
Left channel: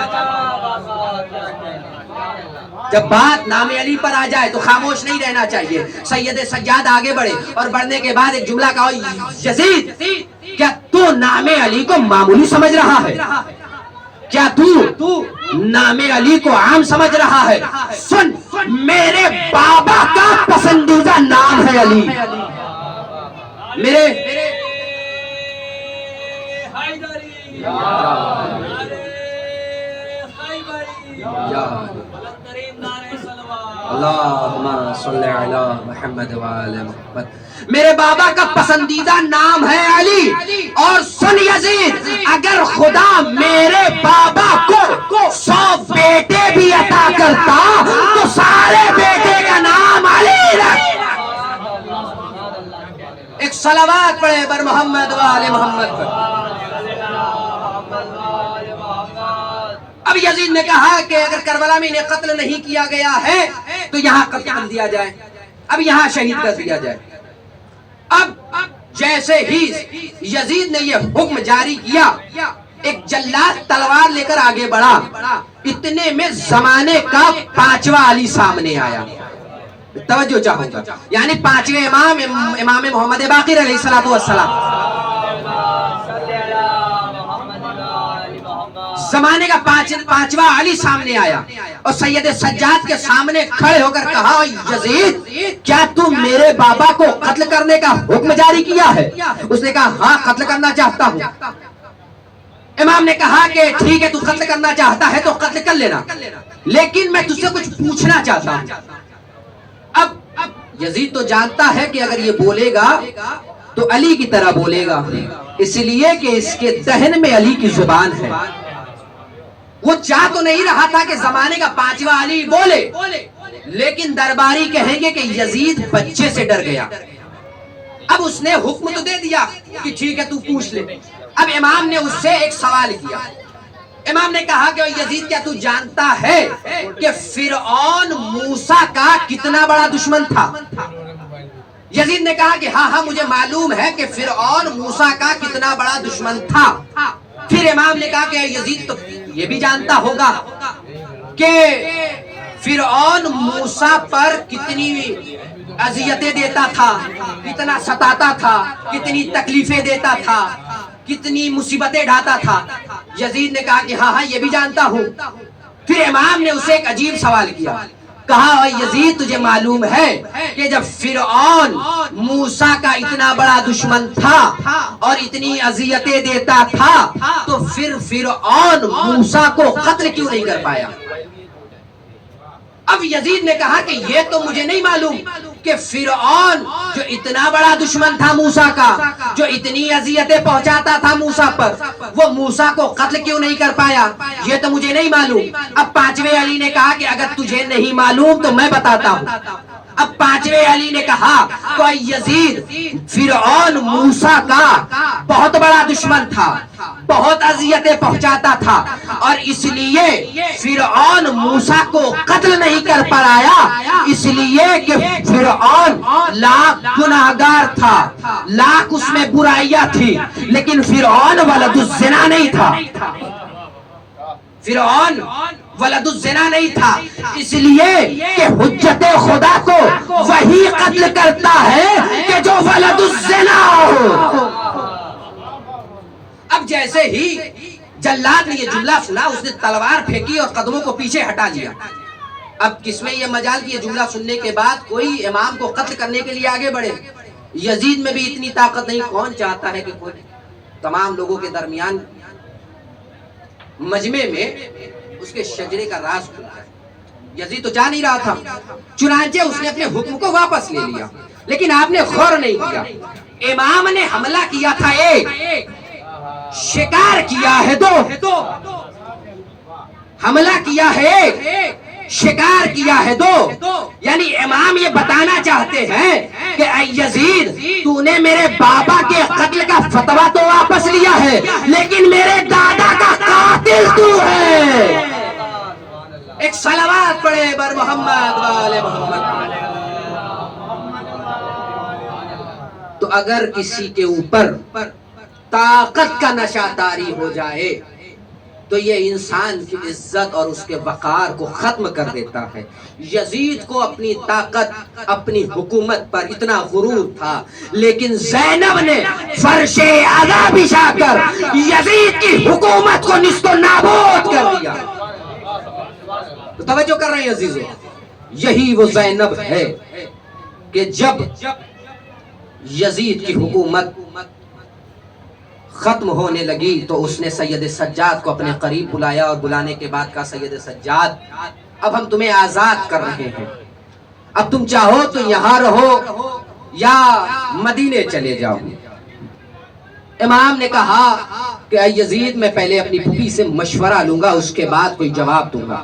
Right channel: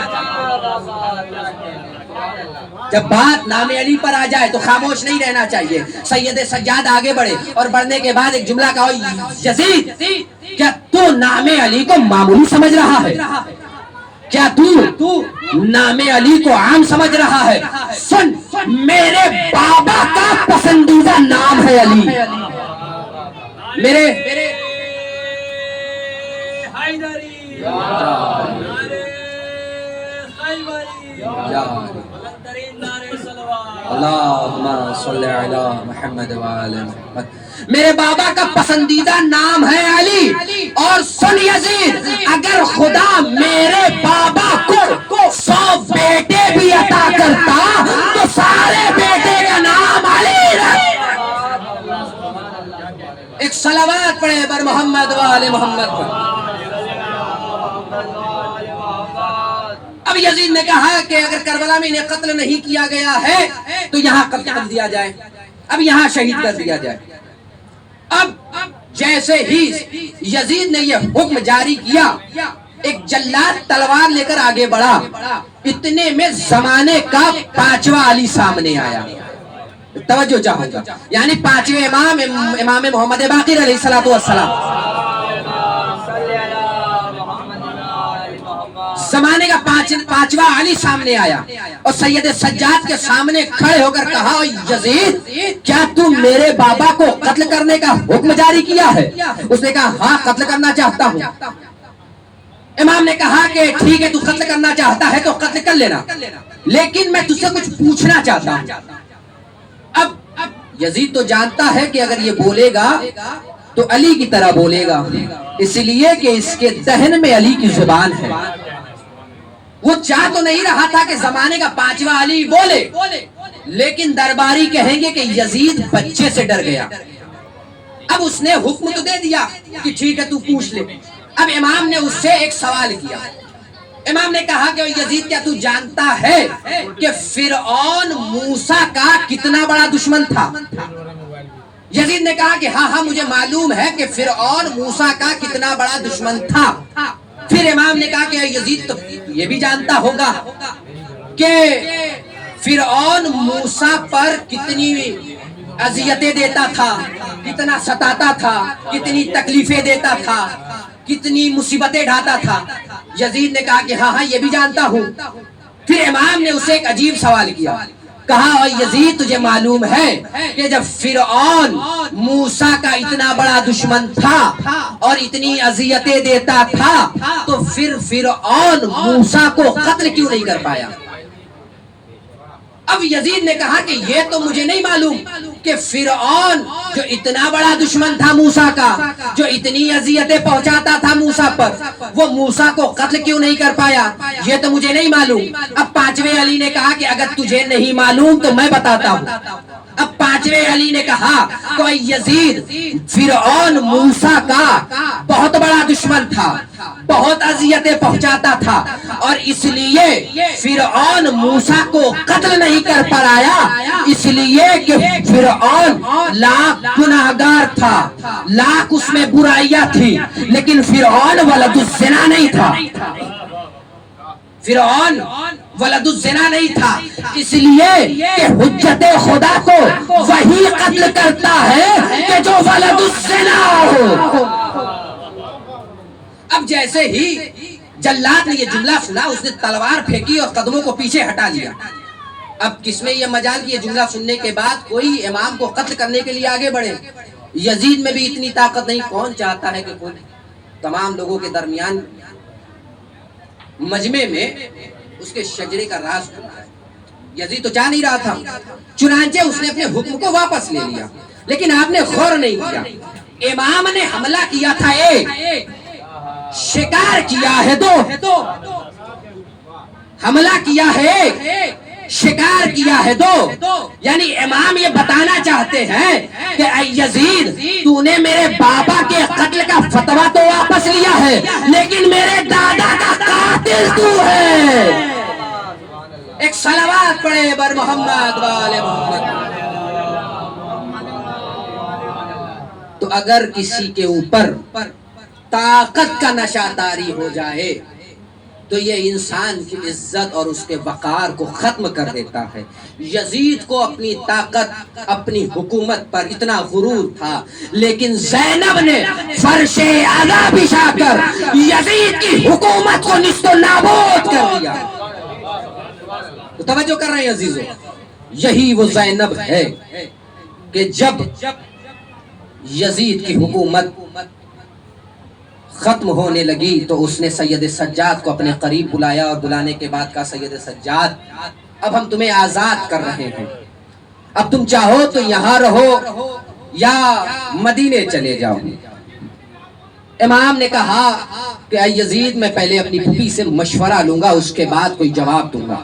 جب بات نام علی پر آ جائے تو خاموش نہیں رہنا چاہیے. سید سجاد آگے بڑھے اور بڑھنے کے بعد ایک جملہ کہا، یزید کیا تو نام علی کو معمولی سمجھ رہا ہے؟ کیا تو نام علی کو عام سمجھ رہا ہے؟ سن، میرے بابا کا پسندیدہ نام ہے علی. میرے اللہم صلی علی محمد وآل محمد. میرے بابا کا پسندیدہ نام ہے علی. اور سن یزید، اگر خدا میرے بابا کو 100 بیٹے بھی عطا کرتا تو سارے بیٹے کا نام صلوات پڑھے بر محمد و آل محمد پر۔ اب یزید نے کہا کہ اگر کربلا میں انہیں قتل نہیں کیا گیا ہے تو یہاں قتل کر دیا جائے، اب یہاں شہید کر دیا جائے۔ اب جیسے ہی یزید نے یہ حکم جاری کیا، ایک جلاد تلوار لے کر آگے بڑھا، اتنے میں زمانے کا 5واں علی سامنے آیا۔ توجہ چاہوں گا، یعنی 5ویں امام محمد باقر علیہ السلام، زمانے کا 5واں علی سامنے آیا اور سید سجاد کے سامنے کھڑے ہو کر کہا، یزید کیا تم میرے بابا کو قتل کرنے کا حکم جاری کیا ہے؟ اس نے کہا ہاں قتل کرنا چاہتا ہوں۔ امام نے کہا کہ ٹھیک ہے تو قتل کرنا چاہتا ہے تو قتل کر لینا، لیکن میں تجھ سے کچھ پوچھنا چاہتا ہوں۔ اب یزید تو جانتا ہے کہ اگر یہ بولے گا تو علی کی طرح بولے گا، اس لیے کہ اس کے دہن میں علی کی زبان ہے۔ وہ چاہ تو نہیں رہا تھا کہ زمانے کا 5واں علی بولے، لیکن درباری کہیں گے کہ یزید بچے سے ڈر گیا۔ اب اس نے حکم تو دے دیا کہ ٹھیک ہے تو پوچھ لے۔ اب امام نے اس سے ایک سوال کیا، امام نے کہا کہ یزید کیا تو جانتا ہے کہ فرعون موسیٰ کا کتنا بڑا دشمن تھا؟ یزید نے کہا کہ ہاں مجھے معلوم ہے کہ فرعون موسیٰ کا کتنا بڑا دشمن تھا۔ پھر امام نے کہا کہ یزید تو یہ بھی جانتا ہوگا کہ فرعون موسیٰ پر کتنی اذیتیں دیتا تھا، کتنا ستاتا تھا، کتنی تکلیفیں دیتا تھا، کتنی مصیبتیں ڈھاتا تھا۔ یزید نے کہا کہ ہاں یہ بھی جانتا ہوں۔ پھر امام نے اسے ایک عجیب سوال کیا، کہا یزید تجھے معلوم ہے کہ جب فرعون موسیٰ کا اتنا بڑا دشمن تھا اور اتنی اذیتیں دیتا تھا تو پھر فرعون موسیٰ کو قتل کیوں نہیں کر پایا؟ اب یزید نے کہا کہ یہ تو مجھے نہیں معلوم کہ فرعون جو اتنا بڑا دشمن تھا موسیٰ کا، جو اتنی اذیتیں پہنچاتا تھا موسیٰ پر، وہ موسیٰ کو قتل کیوں نہیں کر پایا، یہ تو مجھے نہیں معلوم۔ اب 5ویں علی نے کہا کہ اگر تجھے نہیں معلوم تو میں بتاتا ہوں۔ اب 5ویں علی نے کہا کہ یزید فرعون موسیٰ کا بہت بڑا دشمن تھا، بہت اذیتیں پہنچاتا تھا، اور اس لیے فرعون موسیٰ کو قتل نہیں کر پایا، اس لیے کہ فرعون لاکھ گناہگار تھا، لاکھ اس میں برائیاں تھی، لیکن فرعون ولد الزنا نہیں تھا، فرعون ولد الزنا نہیں تھا، اس لیے کہ حجت خدا کو وہی قتل کرتا ہے کہ جو ولد الزنا ہو۔ اب جیسے ہی جلاد نے یہ جملہ سنا، اس نے تلوار پھینکی اور قدموں کو پیچھے ہٹا لیا۔ اب کس میں یہ مجال کہ یہ جملہ سننے کے بعد کوئی امام کو قتل کرنے کے لیے آگے بڑھے؟ یزید میں بھی اتنی طاقت نہیں، کون چاہتا ہے کہ کوئی تمام لوگوں کے درمیان مجمع میں اس کے شجرے کا راز کھل جائے؟ یزید تو چاہ نہیں رہا تھا، چنانچہ اس نے اپنے حکم کو واپس لے لیا، لیکن آپ نے غور نہیں کیا۔ امام نے حملہ کیا تھا ایک، شکار کیا ہے دو، حملہ کیا ہے ایک، شکار کیا ہے دو، یعنی امام یہ بتانا چاہتے ہیں کہ اے یزید تو نے میرے بابا کے قتل کا فتویٰ تو واپس لیا ہے، لیکن میرے دادا کا قاتل تو ہے۔ ایک صلوات پڑھے بر محمد و آل محمد۔ تو اگر کسی کے اوپر طاقت کا نشہ طاری ہو جائے تو یہ انسان کی عزت اور اس کے وقار کو ختم کر دیتا ہے۔ یزید کو اپنی طاقت، اپنی حکومت پر اتنا غرور تھا، لیکن زینب نے فرش اعلیٰ بچھا کر یزید کی حکومت کو نیست و نابود کر دیا۔ تو توجہ کر رہے ہیں عزیزو، یہی وہ زینب ہے کہ جب یزید کی حکومت ختم ہونے لگی تو اس نے سید سجاد کو اپنے قریب بلایا اور بلانے کے بعد کہا سید سجاد اب ہم تمہیں آزاد کر رہے ہیں، اب تم چاہو تو یہاں رہو یا مدینے چلے جاؤ۔ امام نے کہا کہ اے یزید میں پہلے اپنی پھوپھی سے مشورہ لوں گا، اس کے بعد کوئی جواب دوں گا۔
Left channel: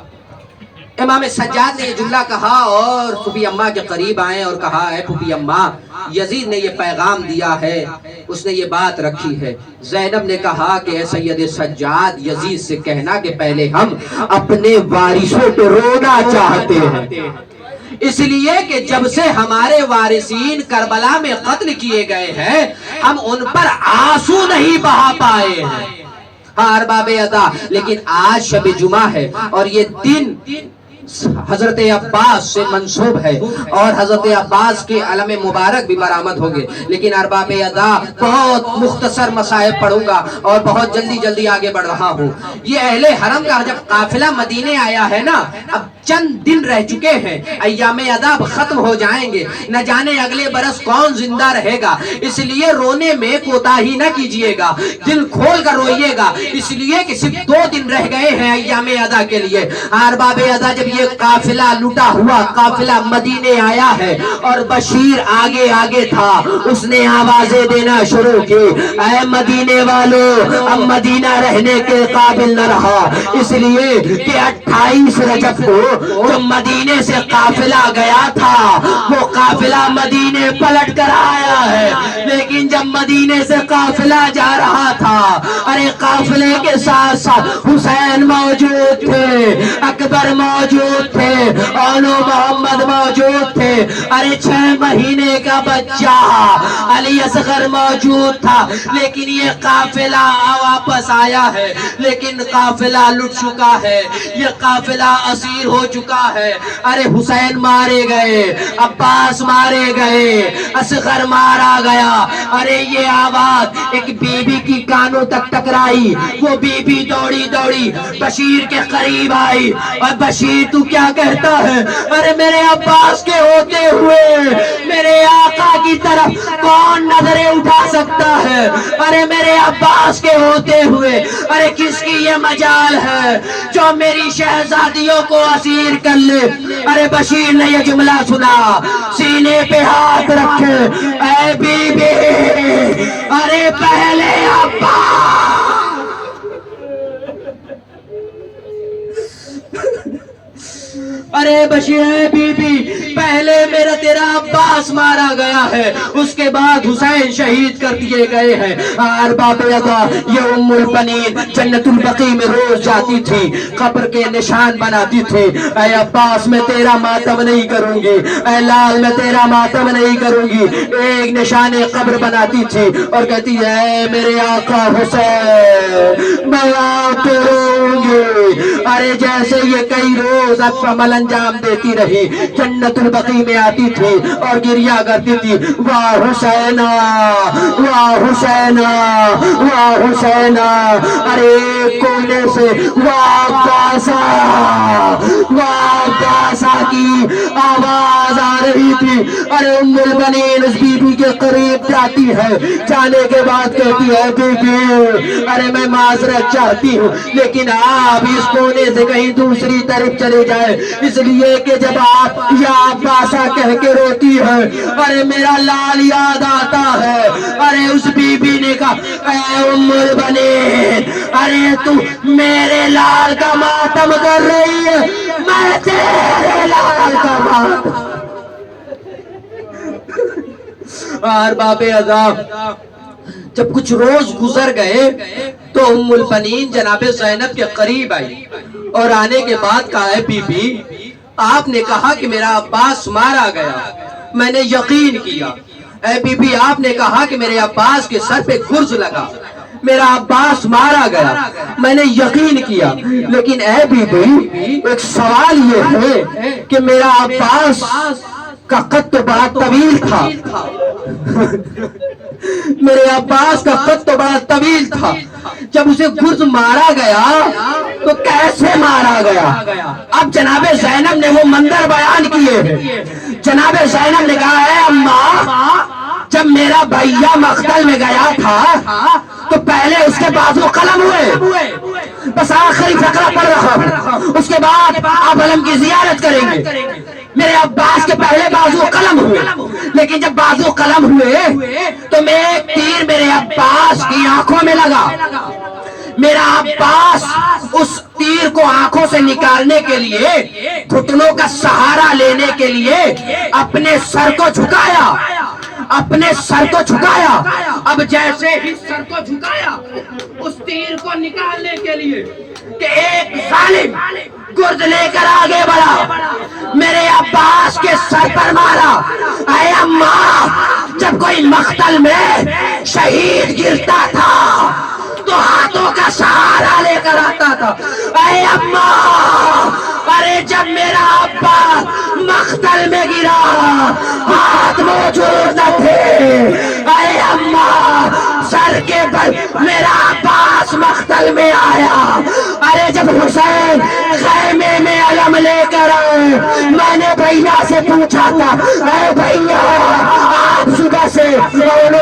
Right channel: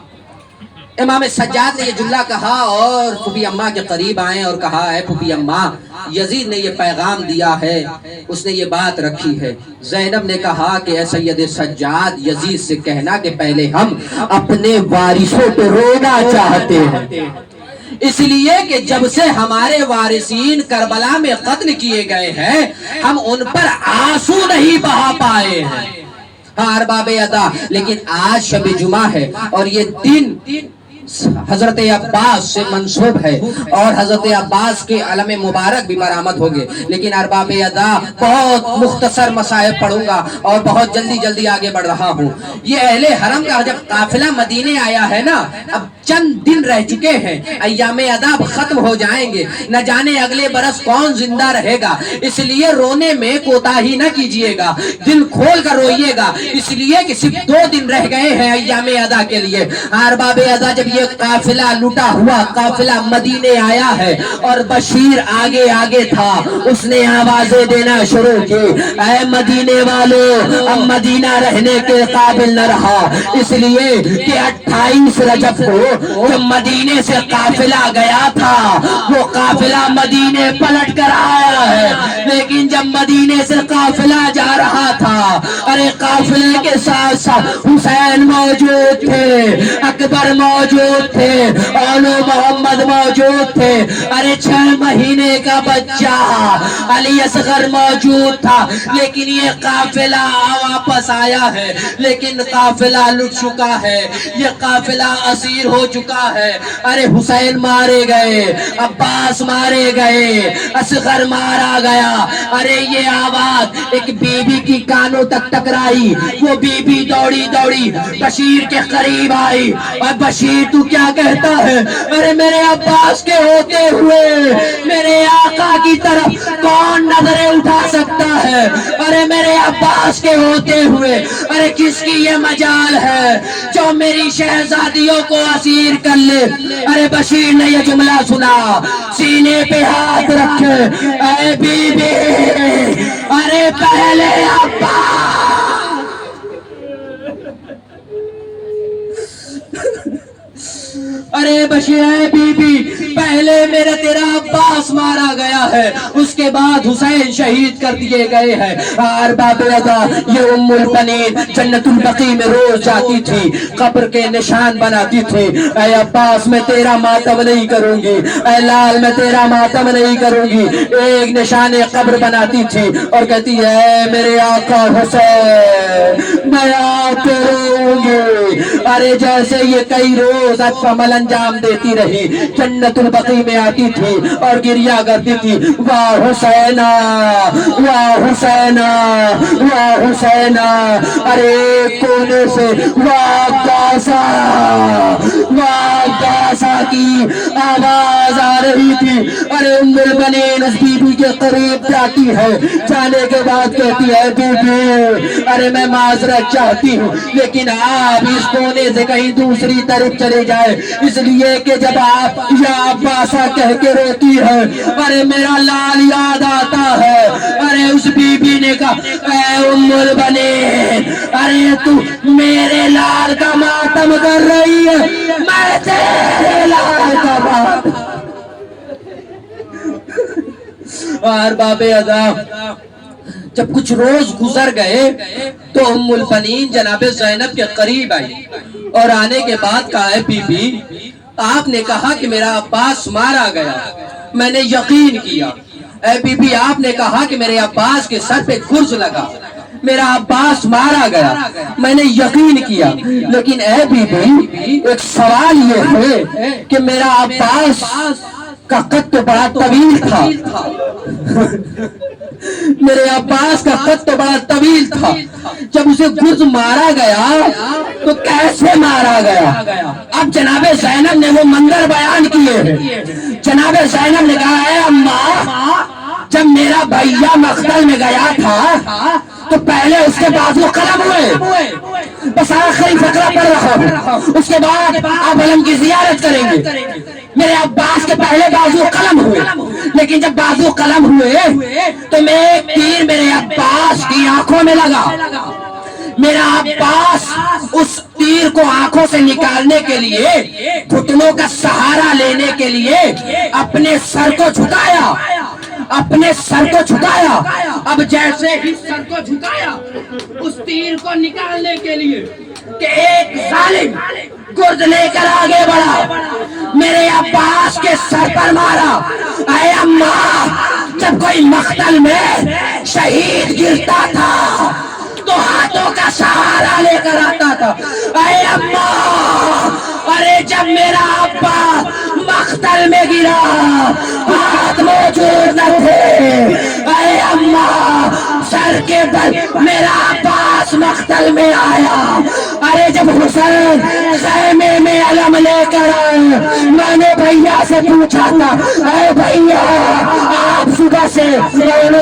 امام سجاد نے یہ جملہ کہا اور پھوپھی اماں کے قریب آئے اور کہا اے پھوپھی اماں یزید نے یہ پیغام دیا ہے، اس نے یہ بات رکھی ہے۔ زینب نے کہا کہ اے سید سجاد یزید سے کہنا کہ پہلے ہم اپنے وارثوں پہ رونا چاہتے ہیں، اس لیے کہ جب سے ہمارے وارثین کربلا میں قتل کیے گئے ہیں ہم ان پر آنسو نہیں بہا پائے ہیں۔ ہاں ارباب ادا، لیکن آج شب جمعہ ہے اور یہ دن حضرت عباس سے منسوب ہے اور حضرت عباس کے علم مبارک بھی برآمد ہوگے، لیکن ارباب ادا بہت مختصر مصائب پڑھوں گا اور بہت جلدی آگے بڑھ رہا ہوں۔ یہ اہل حرم کا جب قافلہ مدینے آیا ہے نا، اب چند دن رہ چکے ہیں، ایام ادا ختم ہو جائیں گے، نہ جانے اگلے برس کون زندہ رہے گا، اس لیے رونے میں کوتاہی نہ کیجئے گا، دل کھول کر روئیے گا، اس لیے کہ صرف 2 دن رہ گئے ہیں ایام ادا کے لیے۔ ارباب ادا جب یہ قافلہ لٹا ہوا قافلہ مدینے آیا ہے اور بشیر آگے تھا، اس نے آوازیں دینا شروع کی، اے مدینے والو اب مدینہ رہنے کے قابل نہ رہا، اس لیے کہ 28 رجب کو جو مدینے سے قافلہ گیا تھا وہ قافلہ مدینے پلٹ کر آیا ہے، لیکن جب مدینے سے قافلہ جا رہا تھا، ارے قافلے کے ساتھ ساتھ حسین موجود تھے، اکبر موجود تھے، اولو محمد موجود تھے، ارے 6 مہینے کا بچہ علی اصغر موجود تھا، لیکن یہ قافلہ واپس آیا ہے، لیکن قافلہ لٹ چکا ہے، یہ قافلہ اسیر ہو چکا ہے۔ ارے حسین مارے گئے، عباس مارے گئے، اصغر مارا گیا۔ ارے یہ آواز ایک بی بی کی کانوں تک ٹکرائی، وہ بی بی دوڑی بشیر کے قریب آئی، اور بشیر تو کیا کہتا ہے؟ ارے میرے عباس کے ہوتے ہوئے میرے آقا کی طرف کون نظریں اٹھا سکتا ہے؟ ارے میرے عباس کے ہوتے ہوئے ارے کس کی یہ مجال ہے جو میری شہزادیوں کو اسیر کر لے؟ ارے بشیر نے یہ جملہ سنا، سینے پہ ہاتھ رکھے، اے بی بی ارے پہلے عباس ارے بشیر بی بی پہلے میرا تیرا عباس مارا گیا ہے، اس کے بعد حسین شہید کر دیے گئے ہیں۔ ارباب ادا یہ ام البنین جنت البقیع میں روز جاتی تھی، قبر کے نشان بناتی تھی، اے عباس میں تیرا ماتم نہیں کروں گی، اے لال میں تیرا ماتم نہیں کروں گی، ایک نشان قبر بناتی تھی اور کہتی ہے میرے آقا حسین میں آپ پہ روؤں گی۔ ارے جیسے یہ کئی روز عمل انجام دیتی رہی، جنت البقیع میں آتی تھی اور گریا کرتی تھی، واہ حسینہ واہ حسینہ واہ حسینہ۔ ارے کونے سے واہ کاسا کی آواز آ رہی تھی۔ ارے ام البنین اس بی بی کے قریب جاتی ہے، جانے کے بعد کہتی ہے بی بی ارے میں معذرت چاہتی ہوں، لیکن آپ اس کونے سے کہیں دوسری طرف چلے جائے، اس لیے کہ جب آپ یا عباسہ کہہ کے روتی ہے ارے میرا لال یاد آتا ہے۔ ارے اس بی بی نے کہا اے ام البنین ارے تو میرے لال کا ماتم کر رہی ہے، میں تیرے لال کا ماتم۔ ارباب ادا جب کچھ روز گزر گئے تو ام البنین جناب زینب کے قریب آئی اور آنے کے بعد کہا اے بی بی آپ نے کہا کہ میرا عباس مارا گیا، میں نے یقین کیا۔ اے بی بی آپ نے کہا کہ میرے عباس کے سر پہ گرز لگا، میرا عباس مارا گیا، میں نے یقین کیا، لیکن اے بی بی ایک سوال یہ ہے کہ میرا عباس کا قد تو بڑا طویل تھا، میرے عباس کا قد تو بڑا طویل تھا، جب اسے گرز مارا گیا تو کیسے مارا گیا؟ اب جناب زینب نے وہ منظر بیان کیے ہیں۔ جناب زینب نے کہا اے اماں جب میرا بھیا مقتل میں گیا تھا تو پہلے اس کے بازو قلم ہوئے، بس آخری فقرہ پڑھ رہا ہوں، اس کے بعد آپ علم کی زیارت کریں گے۔ میرے عباس کے پہلے بازو قلم ہوئے، لیکن جب بازو قلم ہوئے تو میں ایک تیر میرے عباس کی آنکھوں میں لگا، میرا عباس اس تیر کو آنکھوں سے نکالنے کے لیے گھٹنوں کا سہارا لینے کے لیے اپنے سر کو جھکایا، اپنے سر کو جھکایا۔ اب جیسے ہی سر کو جھکایا اس تیر کو نکالنے کے لیے کہ ایک ظالم گرد لے کر آگے بڑھا، میرے عباس کے سر پر مارا۔ اے اماں، جب کوئی مقتل میں شہید گرتا تھا تو ہاتھوں کا سہارا لے کر آتا تھا۔ اے اماں، ارے جب میرا ابا مقتل میں گرا ہاتھ موجود نہ تھے۔ اے اماں، سر کے بل میرا عباس مقتل میں آیا۔ ارے جب حسین خیمے میں علم لے کر آئے، میں نے بھیا سے پوچھا تھا، اے بھیا آپ صبح سے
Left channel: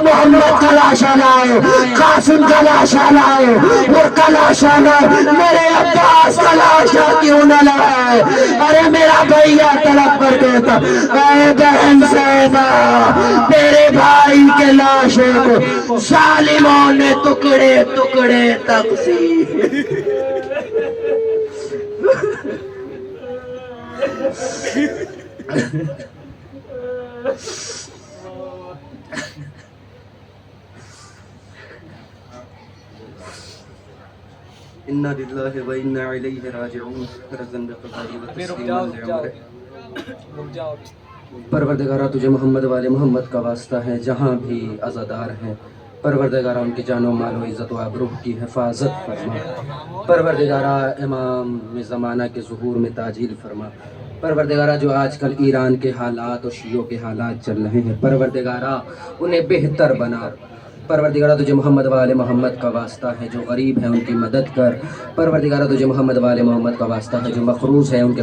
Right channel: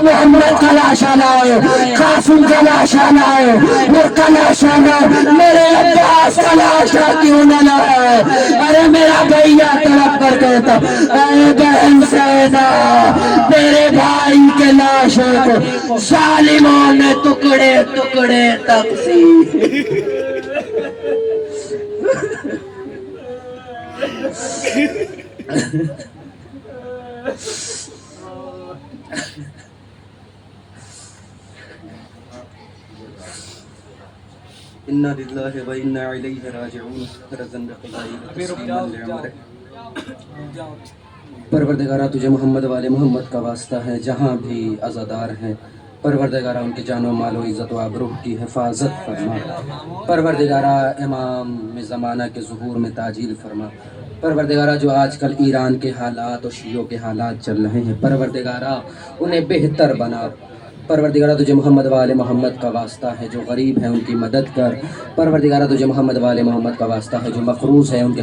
محمد کا لاشا لائے، قاسم کا لاشا لائے، اور کا لاشا لائے، میرے عباس کا لاشا کیوں نہ لائے؟ ارے میرا بھیا طلب کر دیتا، اے بہن سیدہ، میرے بھائی کے لاشے کو ظالموں نے ٹکڑے ٹکڑے تقسیم۔ انا للہ و انا الیہ راجعون۔ رضا بقضائہ و تسلیما لعمرہ۔ پروردگارہ تجھے محمد والے محمد کا واسطہ ہے، جہاں بھی عزادار ہیں پروردگارہ ان کی جان و مال و عزت و آبرو کی حفاظت فرما۔ پروردگارہ امام زمانہ کے ظہور میں تعجیل فرما۔ پروردگارہ جو آج کل ایران کے حالات اور شیعوں کے حالات چل رہے ہیں پروردگارہ انہیں بہتر بنا۔ پروردگارہ تجھے محمد والے محمد کا واسطہ ہے، جو غریب ہیں ان کی مدد کر۔ پروردگارہ تجھے محمد والے محمد کا واسطہ ہے، جو مقروض ہے ان کے